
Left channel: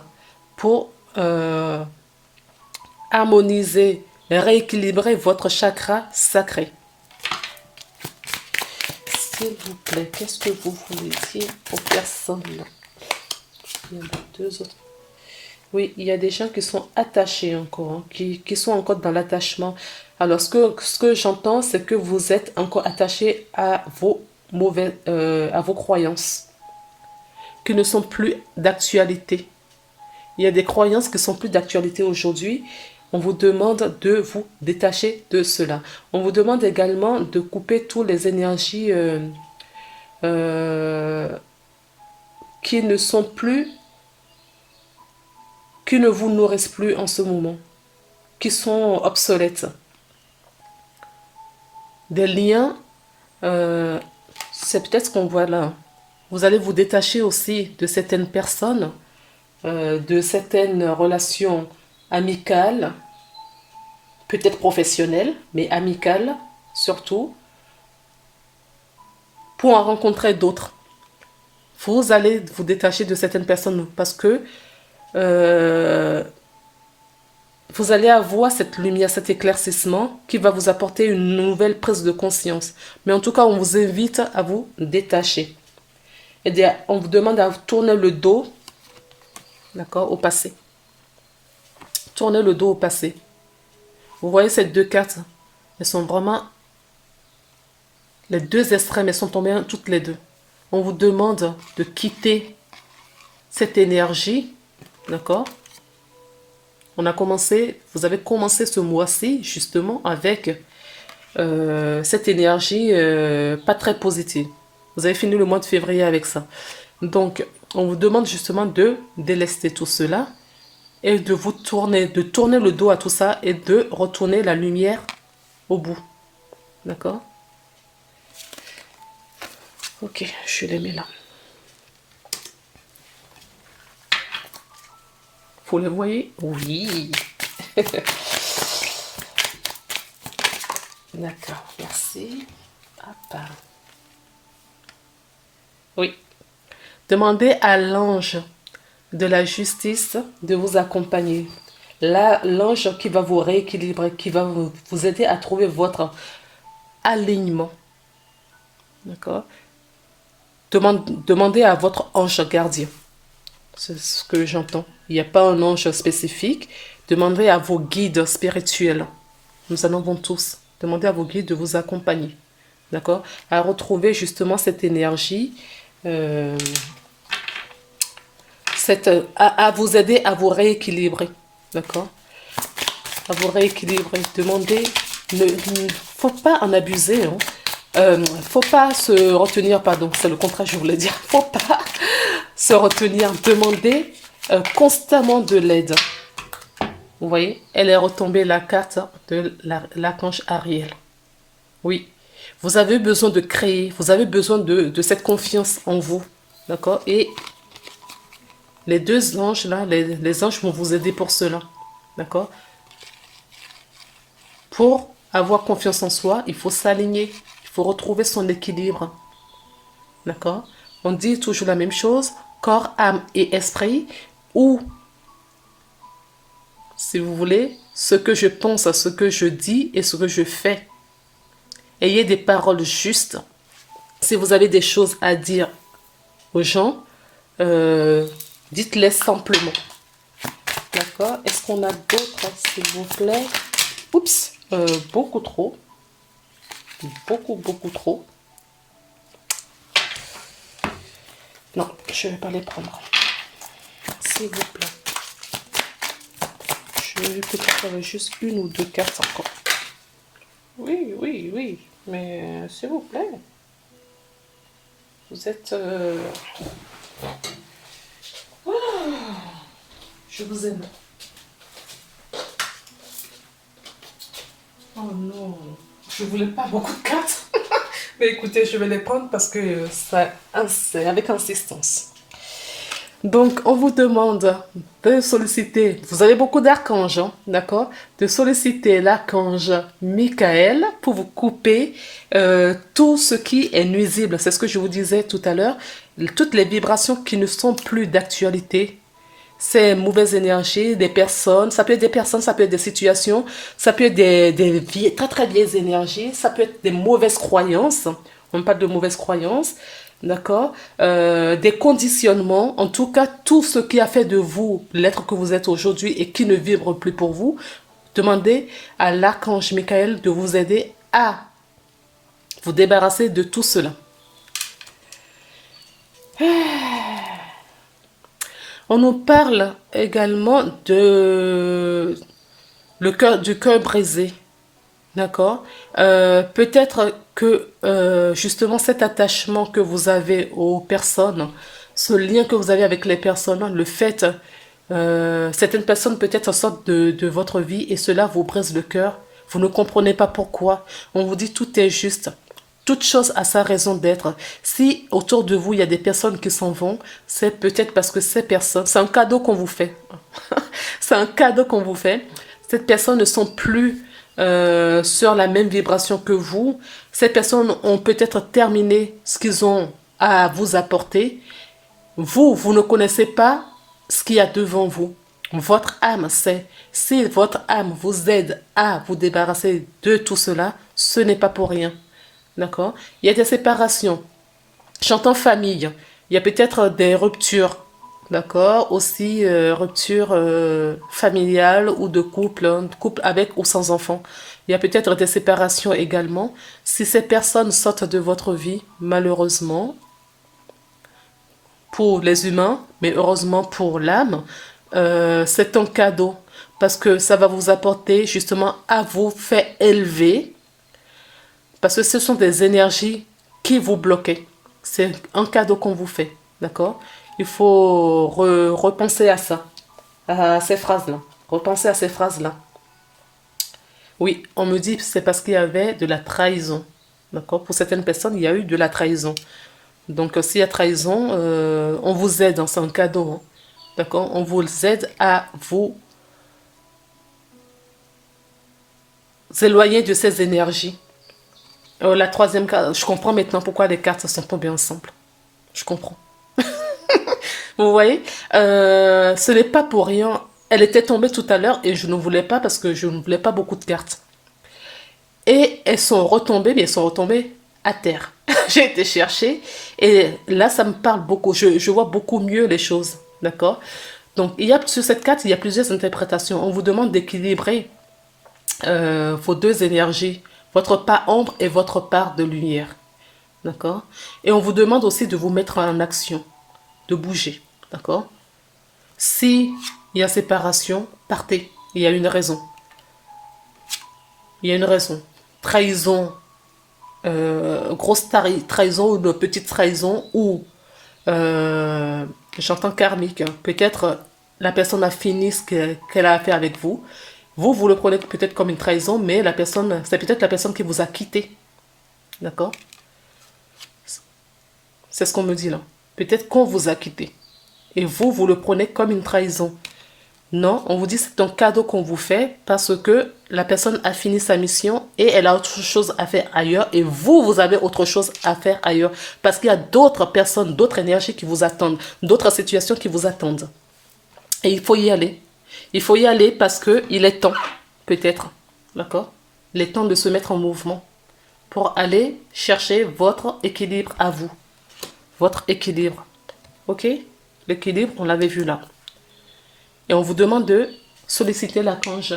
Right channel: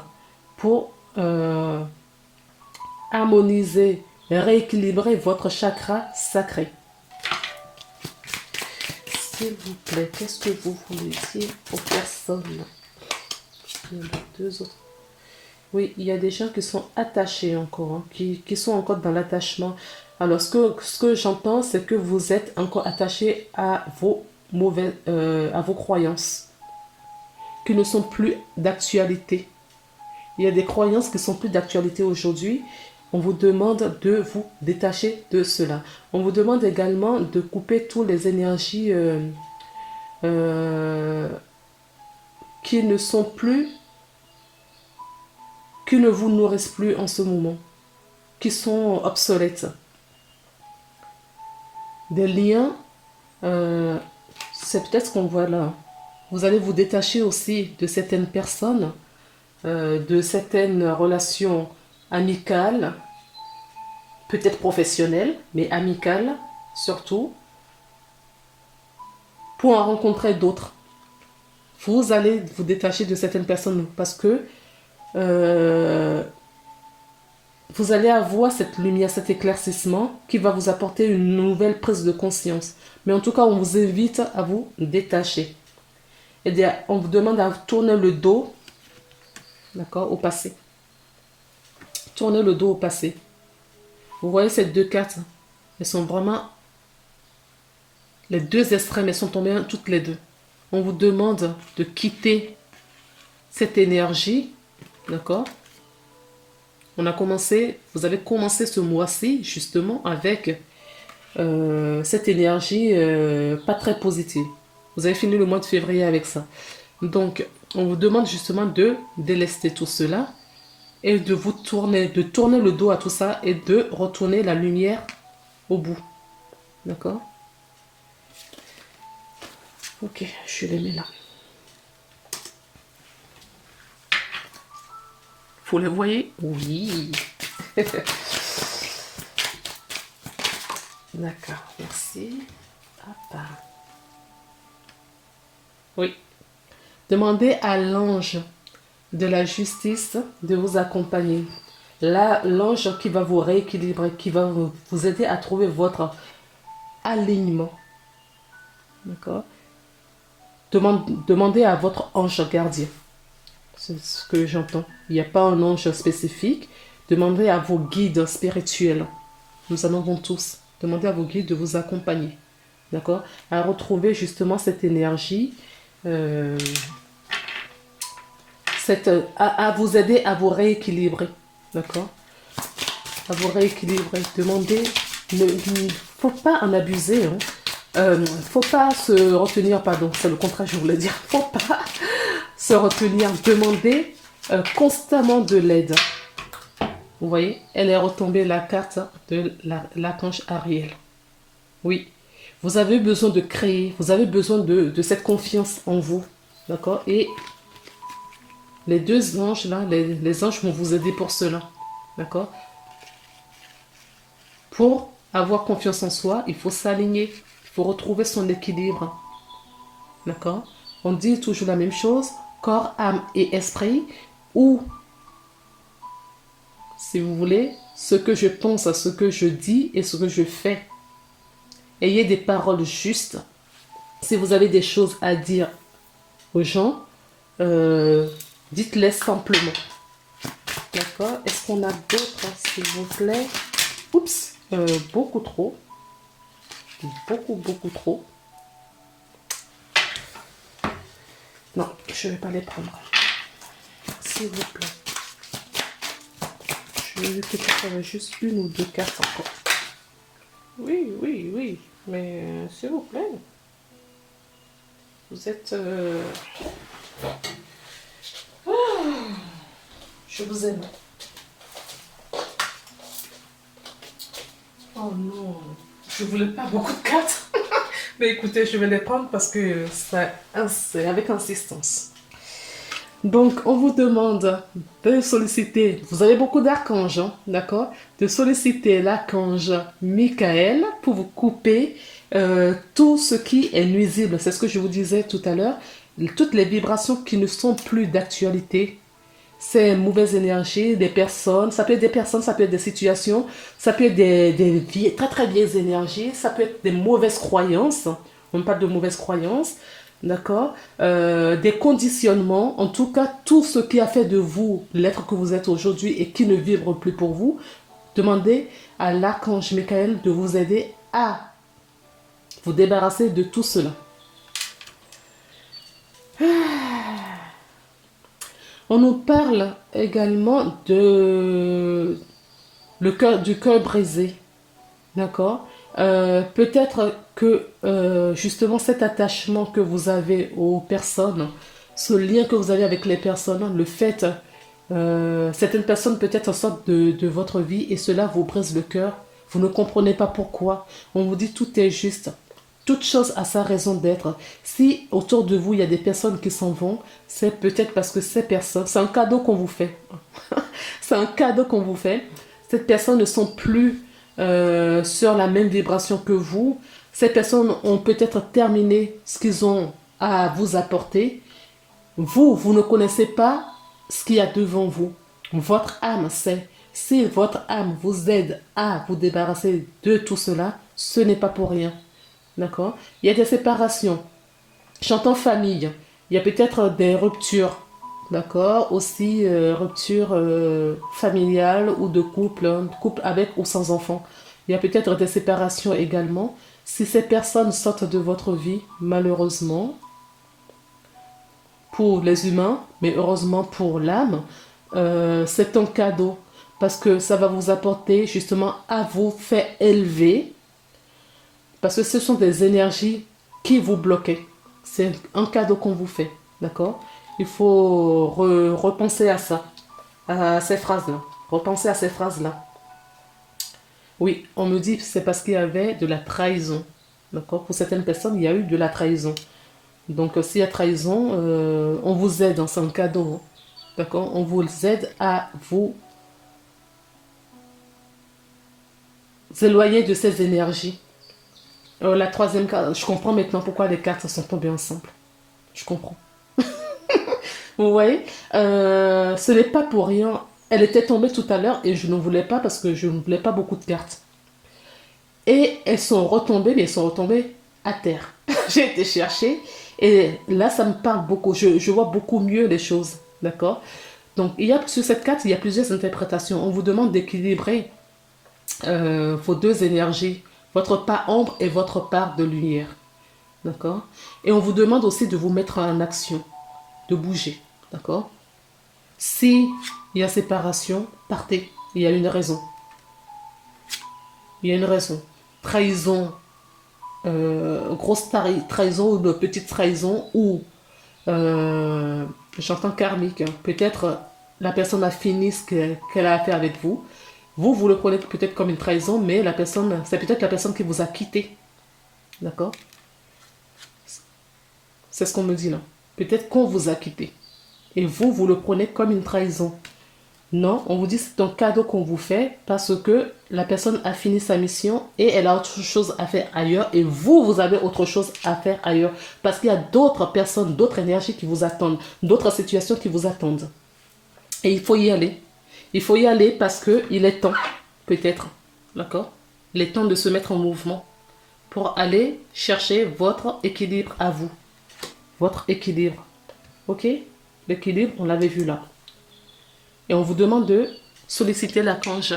pour harmoniser, rééquilibrer votre chakra sacré. S'il vous plaît, qu'est-ce que vous voulez dire aux personnes? Il y en a deux autres. Oui, il y a des gens qui sont attachés encore, hein, qui sont encore dans l'attachement. Alors, ce que j'entends, c'est que vous êtes encore attaché à vos à vos croyances, qui ne sont plus d'actualité. Il y a des croyances qui sont plus d'actualité aujourd'hui. On vous demande de vous détacher de cela. On vous demande également de couper toutes les énergies euh, qui ne sont plus, qui ne vous nourrissent plus en ce moment, qui sont obsolètes. Des liens, c'est peut-être ce qu'on voit là. Vous allez vous détacher aussi de certaines personnes, de certaines relations amicales, peut-être professionnelles, mais amicales surtout, pour en rencontrer d'autres. Vous allez vous détacher de certaines personnes parce que vous allez avoir cette lumière, cet éclaircissement qui va vous apporter une nouvelle prise de conscience. Mais en tout cas, on vous invite à vous détacher. Et on vous demande à tourner le dos, d'accord, au passé. Tournez le dos au passé. Vous voyez ces deux cartes, elles sont vraiment... Les deux extrêmes, elles sont tombées toutes les deux. On vous demande de quitter cette énergie, d'accord? Vous avez commencé ce mois-ci justement avec cette énergie pas très positive. Vous avez fini le mois de février avec ça. Donc, on vous demande justement de délester tout cela et de tourner le dos à tout ça et de retourner la lumière au bout. D'accord? Ok, je les mets là. Vous les voyez? Oui. D'accord, merci. Papa. Oui. Demandez à l'ange de la justice de vous accompagner. Là, l'ange qui va vous rééquilibrer, qui va vous aider à trouver votre alignement. D'accord? Demandez à votre ange gardien. C'est ce que j'entends. Il n'y a pas un ange spécifique. Demandez à vos guides spirituels. Nous en avons tous. Demandez à vos guides de vous accompagner. D'accord? À retrouver justement cette énergie. À vous aider à vous rééquilibrer. D'accord? À vous rééquilibrer. Demandez. Il ne faut pas en abuser. Faut pas se retenir, pardon, c'est le contraire, je voulais dire. Faut pas se retenir. Demandez constamment de l'aide. Vous voyez, elle est retombée la carte de l'archange Ariel. Oui, vous avez besoin de créer, vous avez besoin de cette confiance en vous. D'accord? Et les deux anges là, les anges vont vous aider pour cela. D'accord? Pour avoir confiance en soi, il faut s'aligner. Il faut retrouver son équilibre. D'accord? On dit toujours la même chose, corps, âme et esprit, ou, si vous voulez, ce que je pense, ce que je dis et ce que je fais. Ayez des paroles justes. Si vous avez des choses à dire aux gens, dites-les simplement. D'accord? Est-ce qu'on a d'autres, s'il vous plaît? Oups, beaucoup trop. Beaucoup trop. Non, je ne vais pas les prendre. S'il vous plaît. Je vais peut-être faire juste une ou deux cartes encore. Oui. Mais s'il vous plaît. Vous êtes... Oh, je vous aime. Oh non. Je voulais pas beaucoup de cartes. Mais écoutez, je vais les prendre parce que c'est avec insistance. Donc, on vous demande de solliciter, vous avez beaucoup d'archanges, hein, d'accord? De solliciter l'archange Michael pour vous couper tout ce qui est nuisible. C'est ce que je vous disais tout à l'heure. Toutes les vibrations qui ne sont plus d'actualité. Ces mauvaises énergies, des personnes, ça peut être des personnes, ça peut être des situations, ça peut être des très très vieilles énergies, ça peut être des mauvaises croyances. On parle de mauvaises croyances. d'accord, des conditionnements, en tout cas, tout ce qui a fait de vous l'être que vous êtes aujourd'hui et qui ne vibre plus pour vous, demandez à l'archange Michael de vous aider à vous débarrasser de tout cela. On nous parle également de du cœur brisé. D'accord. Peut-être que justement cet attachement que vous avez aux personnes, ce lien que vous avez avec les personnes, le fait, certaines personnes peut-être sortent de votre vie et cela vous brise le cœur. Vous ne comprenez pas pourquoi. On vous dit tout est juste. Toute chose a sa raison d'être. Si autour de vous, il y a des personnes qui s'en vont, c'est peut-être parce que ces personnes, c'est un cadeau qu'on vous fait. C'est un cadeau qu'on vous fait. Ces personnes ne sont plus sur la même vibration que vous. Ces personnes ont peut-être terminé ce qu'ils ont à vous apporter. Vous ne connaissez pas ce qu'il y a devant vous. Votre âme sait. Si votre âme vous aide à vous débarrasser de tout cela, ce n'est pas pour rien. D'accord? Il y a des séparations. J'entends famille. Il y a peut-être des ruptures. D'accord? Aussi, rupture familiale ou de couple avec ou sans enfant. Il y a peut-être des séparations également. Si ces personnes sortent de votre vie, malheureusement, pour les humains, mais heureusement pour l'âme, c'est un cadeau. Parce que ça va vous apporter justement à vous faire élever. Parce que ce sont des énergies qui vous bloquaient. C'est un cadeau qu'on vous fait. D'accord? Il faut repenser à ça, à ces phrases-là. Repenser à ces phrases-là. Oui, on me dit que c'est parce qu'il y avait de la trahison. D'accord? Pour certaines personnes, il y a eu de la trahison. Donc, s'il y a trahison, on vous aide, hein, c'est un cadeau. Hein. D'accord? On vous aide à vous éloigner de ces énergies. La troisième carte, je comprends maintenant pourquoi les cartes sont tombées ensemble. Je comprends. Vous voyez, ce n'est pas pour rien. Elle était tombée tout à l'heure et je ne voulais pas parce que je ne voulais pas beaucoup de cartes. Et elles sont retombées, mais elles sont retombées à terre. J'ai été chercher et là, ça me parle beaucoup. Je vois beaucoup mieux les choses. D'accord? Donc, sur cette carte, il y a plusieurs interprétations. On vous demande d'équilibrer vos deux énergies, votre part ombre et votre part de lumière. D'accord? Et on vous demande aussi de vous mettre en action, de bouger. D'accord? Si il y a séparation, partez. Il y a une raison. Il y a une raison. Trahison, grosse trahison ou de petite trahison ou j'entends karmique. Peut-être la personne a fini ce qu'elle a à faire avec vous. Vous le prenez peut-être comme une trahison, mais la personne, c'est peut-être la personne qui vous a quitté. D'accord? C'est ce qu'on me dit là. Peut-être qu'on vous a quitté. Et vous le prenez comme une trahison. Non, on vous dit que c'est un cadeau qu'on vous fait parce que la personne a fini sa mission et elle a autre chose à faire ailleurs et vous avez autre chose à faire ailleurs parce qu'il y a d'autres personnes, d'autres énergies qui vous attendent, d'autres situations qui vous attendent. Et il faut y aller. Il faut y aller parce qu'il est temps, peut-être, d'accord? Il est temps de se mettre en mouvement pour aller chercher votre équilibre à vous. Votre équilibre. Ok? L'équilibre, on l'avait vu là. Et on vous demande de solliciter l'archange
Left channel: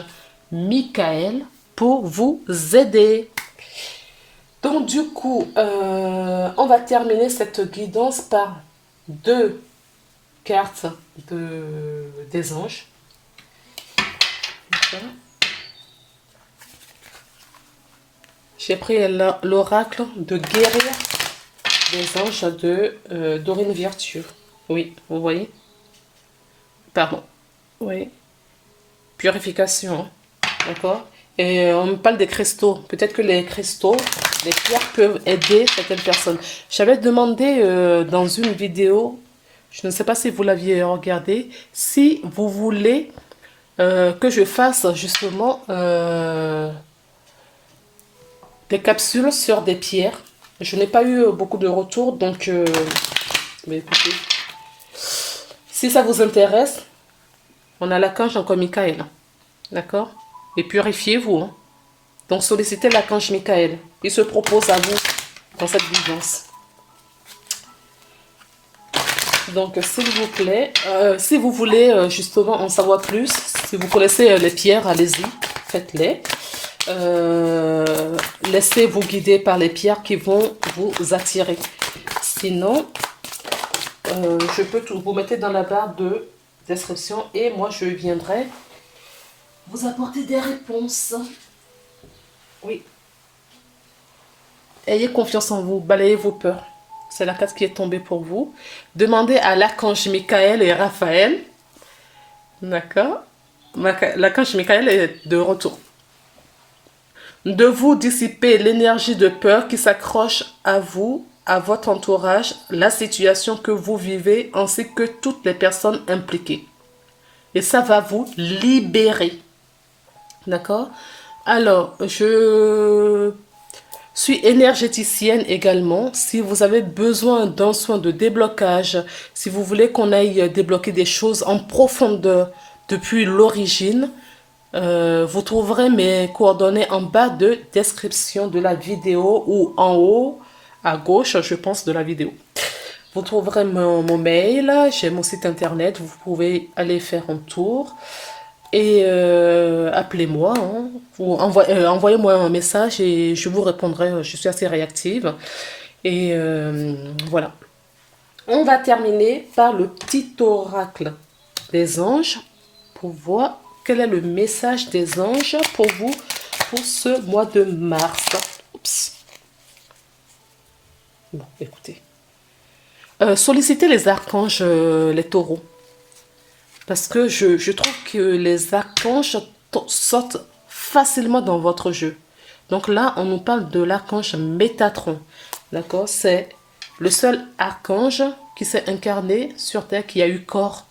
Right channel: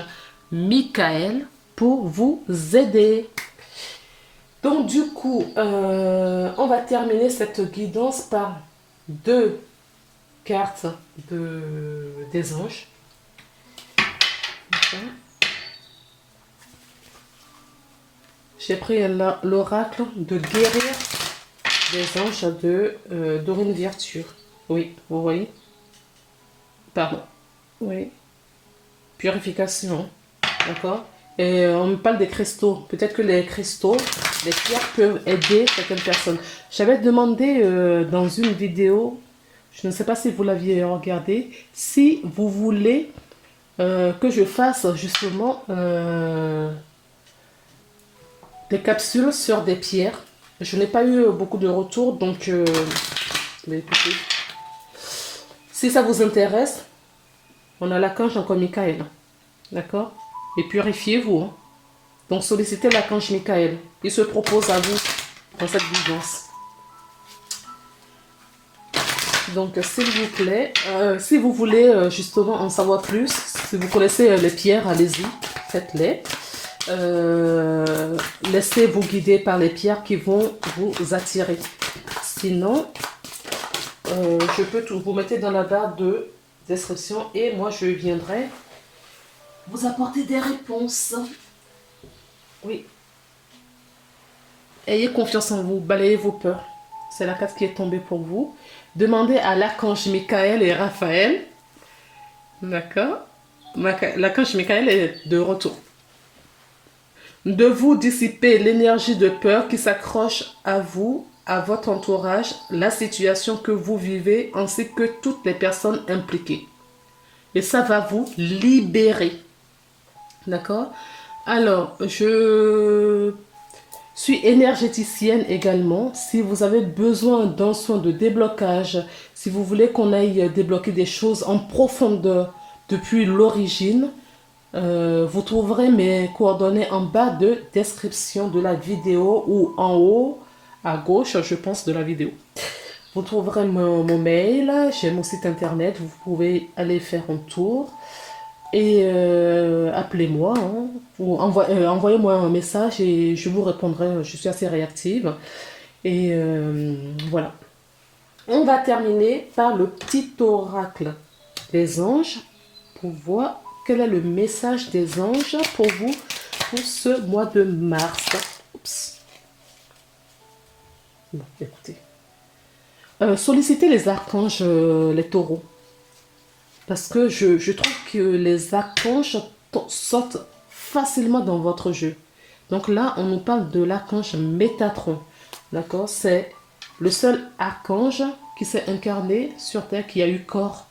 Michael pour vous aider. Donc du coup, on va terminer cette guidance par deux cartes des anges. Okay. J'ai pris l'oracle de guérir des anges de Dorine Virtue. Oui, vous voyez? Pardon. Oui. Purification. D'accord? Et on me parle des cristaux. Peut-être que les cristaux, les pierres peuvent aider certaines personnes. J'avais demandé dans une vidéo, je ne sais pas si vous l'aviez regardé, si vous voulez que je fasse justement des capsules sur des pierres. Je n'ai pas eu beaucoup de retours, donc mais écoutez, si ça vous intéresse, on a l'archange encore Michael. D'accord? Et purifiez-vous. Hein. Donc sollicitez l'archange Michael. Il se propose à vous dans cette guidance. Donc, s'il vous plaît, si vous voulez justement en savoir plus, si vous connaissez les pierres, allez-y, faites-les. Laissez-vous guider par les pierres qui vont vous attirer. Sinon, je peux tout vous mettre dans la barre de description et moi je viendrai vous apporter des réponses. Oui. Ayez confiance en vous, balayez vos peurs. C'est la carte qui est tombée pour vous. Demandez à l'archange Michael et Raphaël. D'accord? L'archange Michael est de retour. De vous dissiper l'énergie de peur qui s'accroche à vous, à votre entourage, la situation que vous vivez, ainsi que toutes les personnes impliquées. Et ça va vous libérer. D'accord? Alors, je suis énergéticienne également. Si vous avez besoin d'un soin de déblocage, si vous voulez qu'on aille débloquer des choses en profondeur depuis l'origine, vous trouverez mes coordonnées en bas de description de la vidéo ou en haut à gauche, je pense, de la vidéo. Vous trouverez mon mail, j'ai mon site internet, vous pouvez aller faire un tour et appelez-moi, hein, ou envoyez-moi un message et je vous répondrai, je suis assez réactive. Et voilà. On va terminer par le petit oracle des anges pour voir quel est le message des anges pour vous pour ce mois de mars. Oups. Bon, écoutez. Sollicitez les archanges, les taureaux. Parce que je trouve que les archanges sortent facilement dans votre jeu. Donc là, on nous parle de l'archange Métatron. D'accord? C'est le seul archange qui s'est incarné sur Terre, qui a eu corps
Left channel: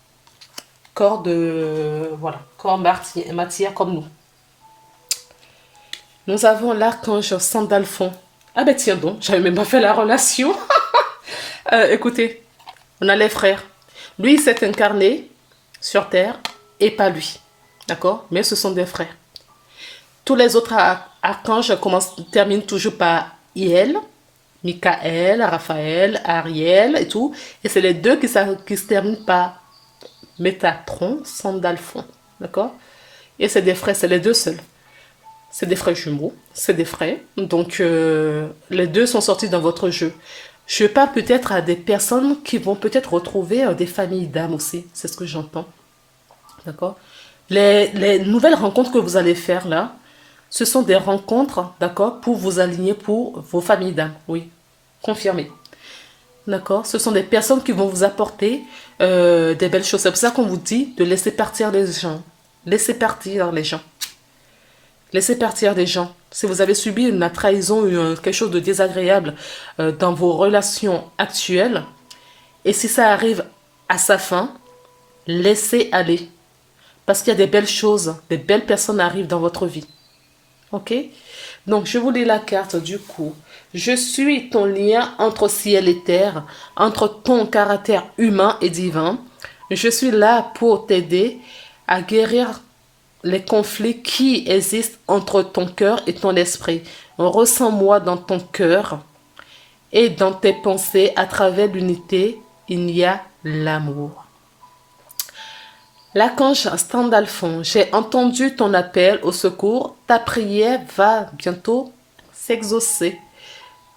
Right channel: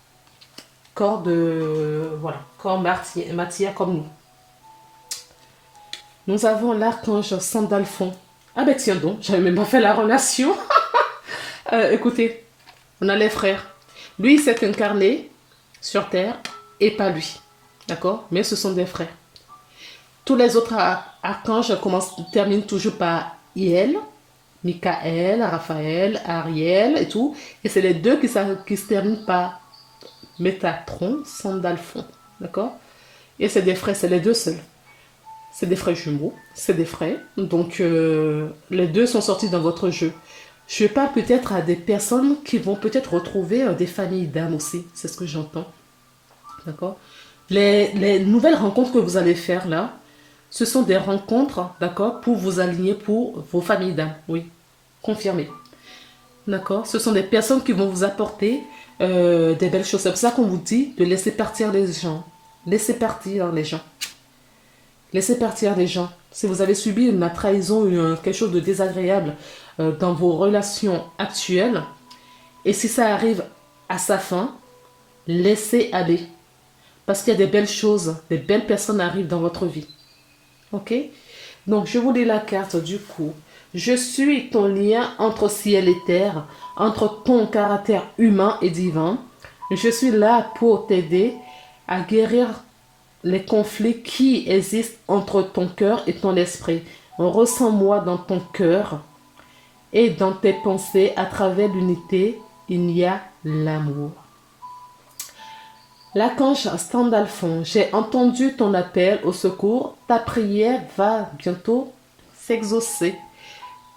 de... Voilà, corps matière comme nous. Nous avons l'archange Sandalphon. Ah ben tiens donc, j'avais même pas fait la relation. Écoutez, on a les frères. Lui, il s'est incarné sur Terre et pas lui. D'accord? Mais ce sont des frères. Tous les autres archanges terminent toujours par Iel, Michael, Raphaël, Ariel et tout. Et c'est les deux qui se terminent par Métatron, Sandalphon. D'accord? Et c'est des frères, c'est les deux seuls. C'est des frères jumeaux, c'est des frères. Donc, les deux sont sortis dans votre jeu. Je parle peut-être à des personnes qui vont peut-être retrouver des familles d'âmes aussi. C'est ce que j'entends. D'accord? Les nouvelles rencontres que vous allez faire là, ce sont des rencontres, d'accord, pour vous aligner pour vos familles d'âmes. Oui, confirmé. D'accord? Ce sont des personnes qui vont vous apporter des belles choses. C'est pour ça qu'on vous dit de laisser partir les gens. Laissez partir les gens. Laissez partir des gens. Si vous avez subi une trahison ou quelque chose de désagréable dans vos relations actuelles, et si ça arrive à sa fin, laissez aller. Parce qu'il y a des belles choses, des belles personnes arrivent dans votre vie. Ok? Donc, je vous lis la carte du coup. Je suis ton lien entre ciel et terre, entre ton caractère humain et divin. Je suis là pour t'aider à guérir les conflits qui existent entre ton cœur et ton esprit. Ressens-moi dans ton cœur et dans tes pensées. À travers l'unité, il y a l'amour. L'archange Sandalphon, j'ai entendu ton appel au secours. Ta prière va bientôt s'exaucer.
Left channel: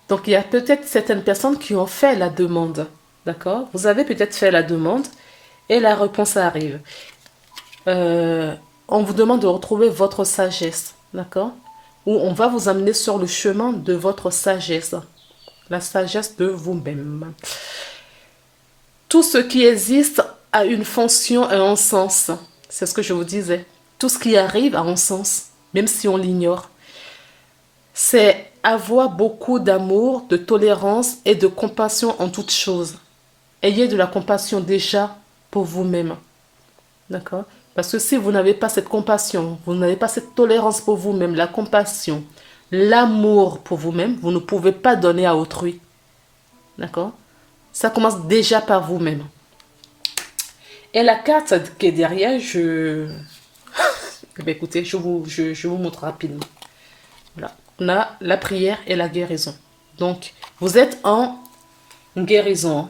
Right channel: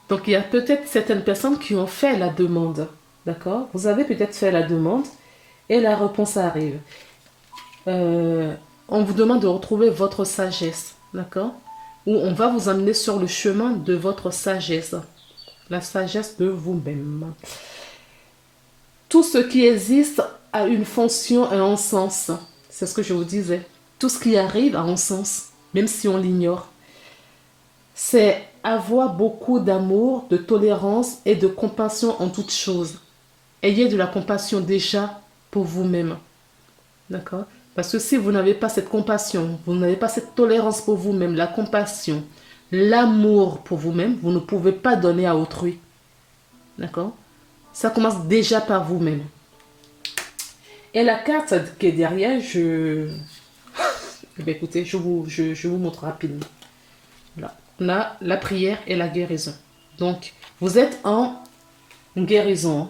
Donc, il y a peut-être certaines personnes qui ont fait la demande. D'accord? Vous avez peut-être fait la demande et la réponse arrive. On vous demande de retrouver votre sagesse, d'accord? Ou on va vous amener sur le chemin de votre sagesse, la sagesse de vous-même. Tout ce qui existe a une fonction et un sens. C'est ce que je vous disais. Tout ce qui arrive a un sens, même si on l'ignore. C'est avoir beaucoup d'amour, de tolérance et de compassion en toutes choses. Ayez de la compassion déjà pour vous-même, d'accord? Parce que si vous n'avez pas cette compassion, vous n'avez pas cette tolérance pour vous-même, la compassion, l'amour pour vous-même, vous ne pouvez pas donner à autrui. D'accord? Ça commence déjà par vous-même. Et la carte qui est derrière, écoutez, je vous montre rapidement. Là. On a la prière et la guérison. Donc, vous êtes en guérison.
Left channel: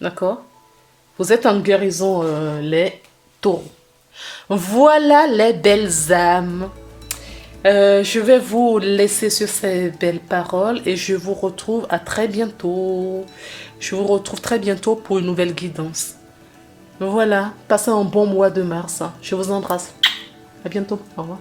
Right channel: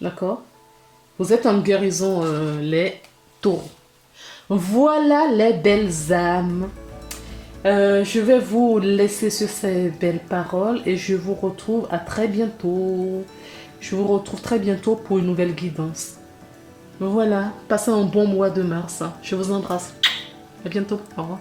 D'accord? Vous êtes en guérison, les taureaux. Voilà les belles âmes. Je vais vous laisser sur ces belles paroles et je vous retrouve à très bientôt. Je vous retrouve très bientôt pour une nouvelle guidance. Voilà, passez un bon mois de mars. Je vous embrasse. À bientôt. Au revoir.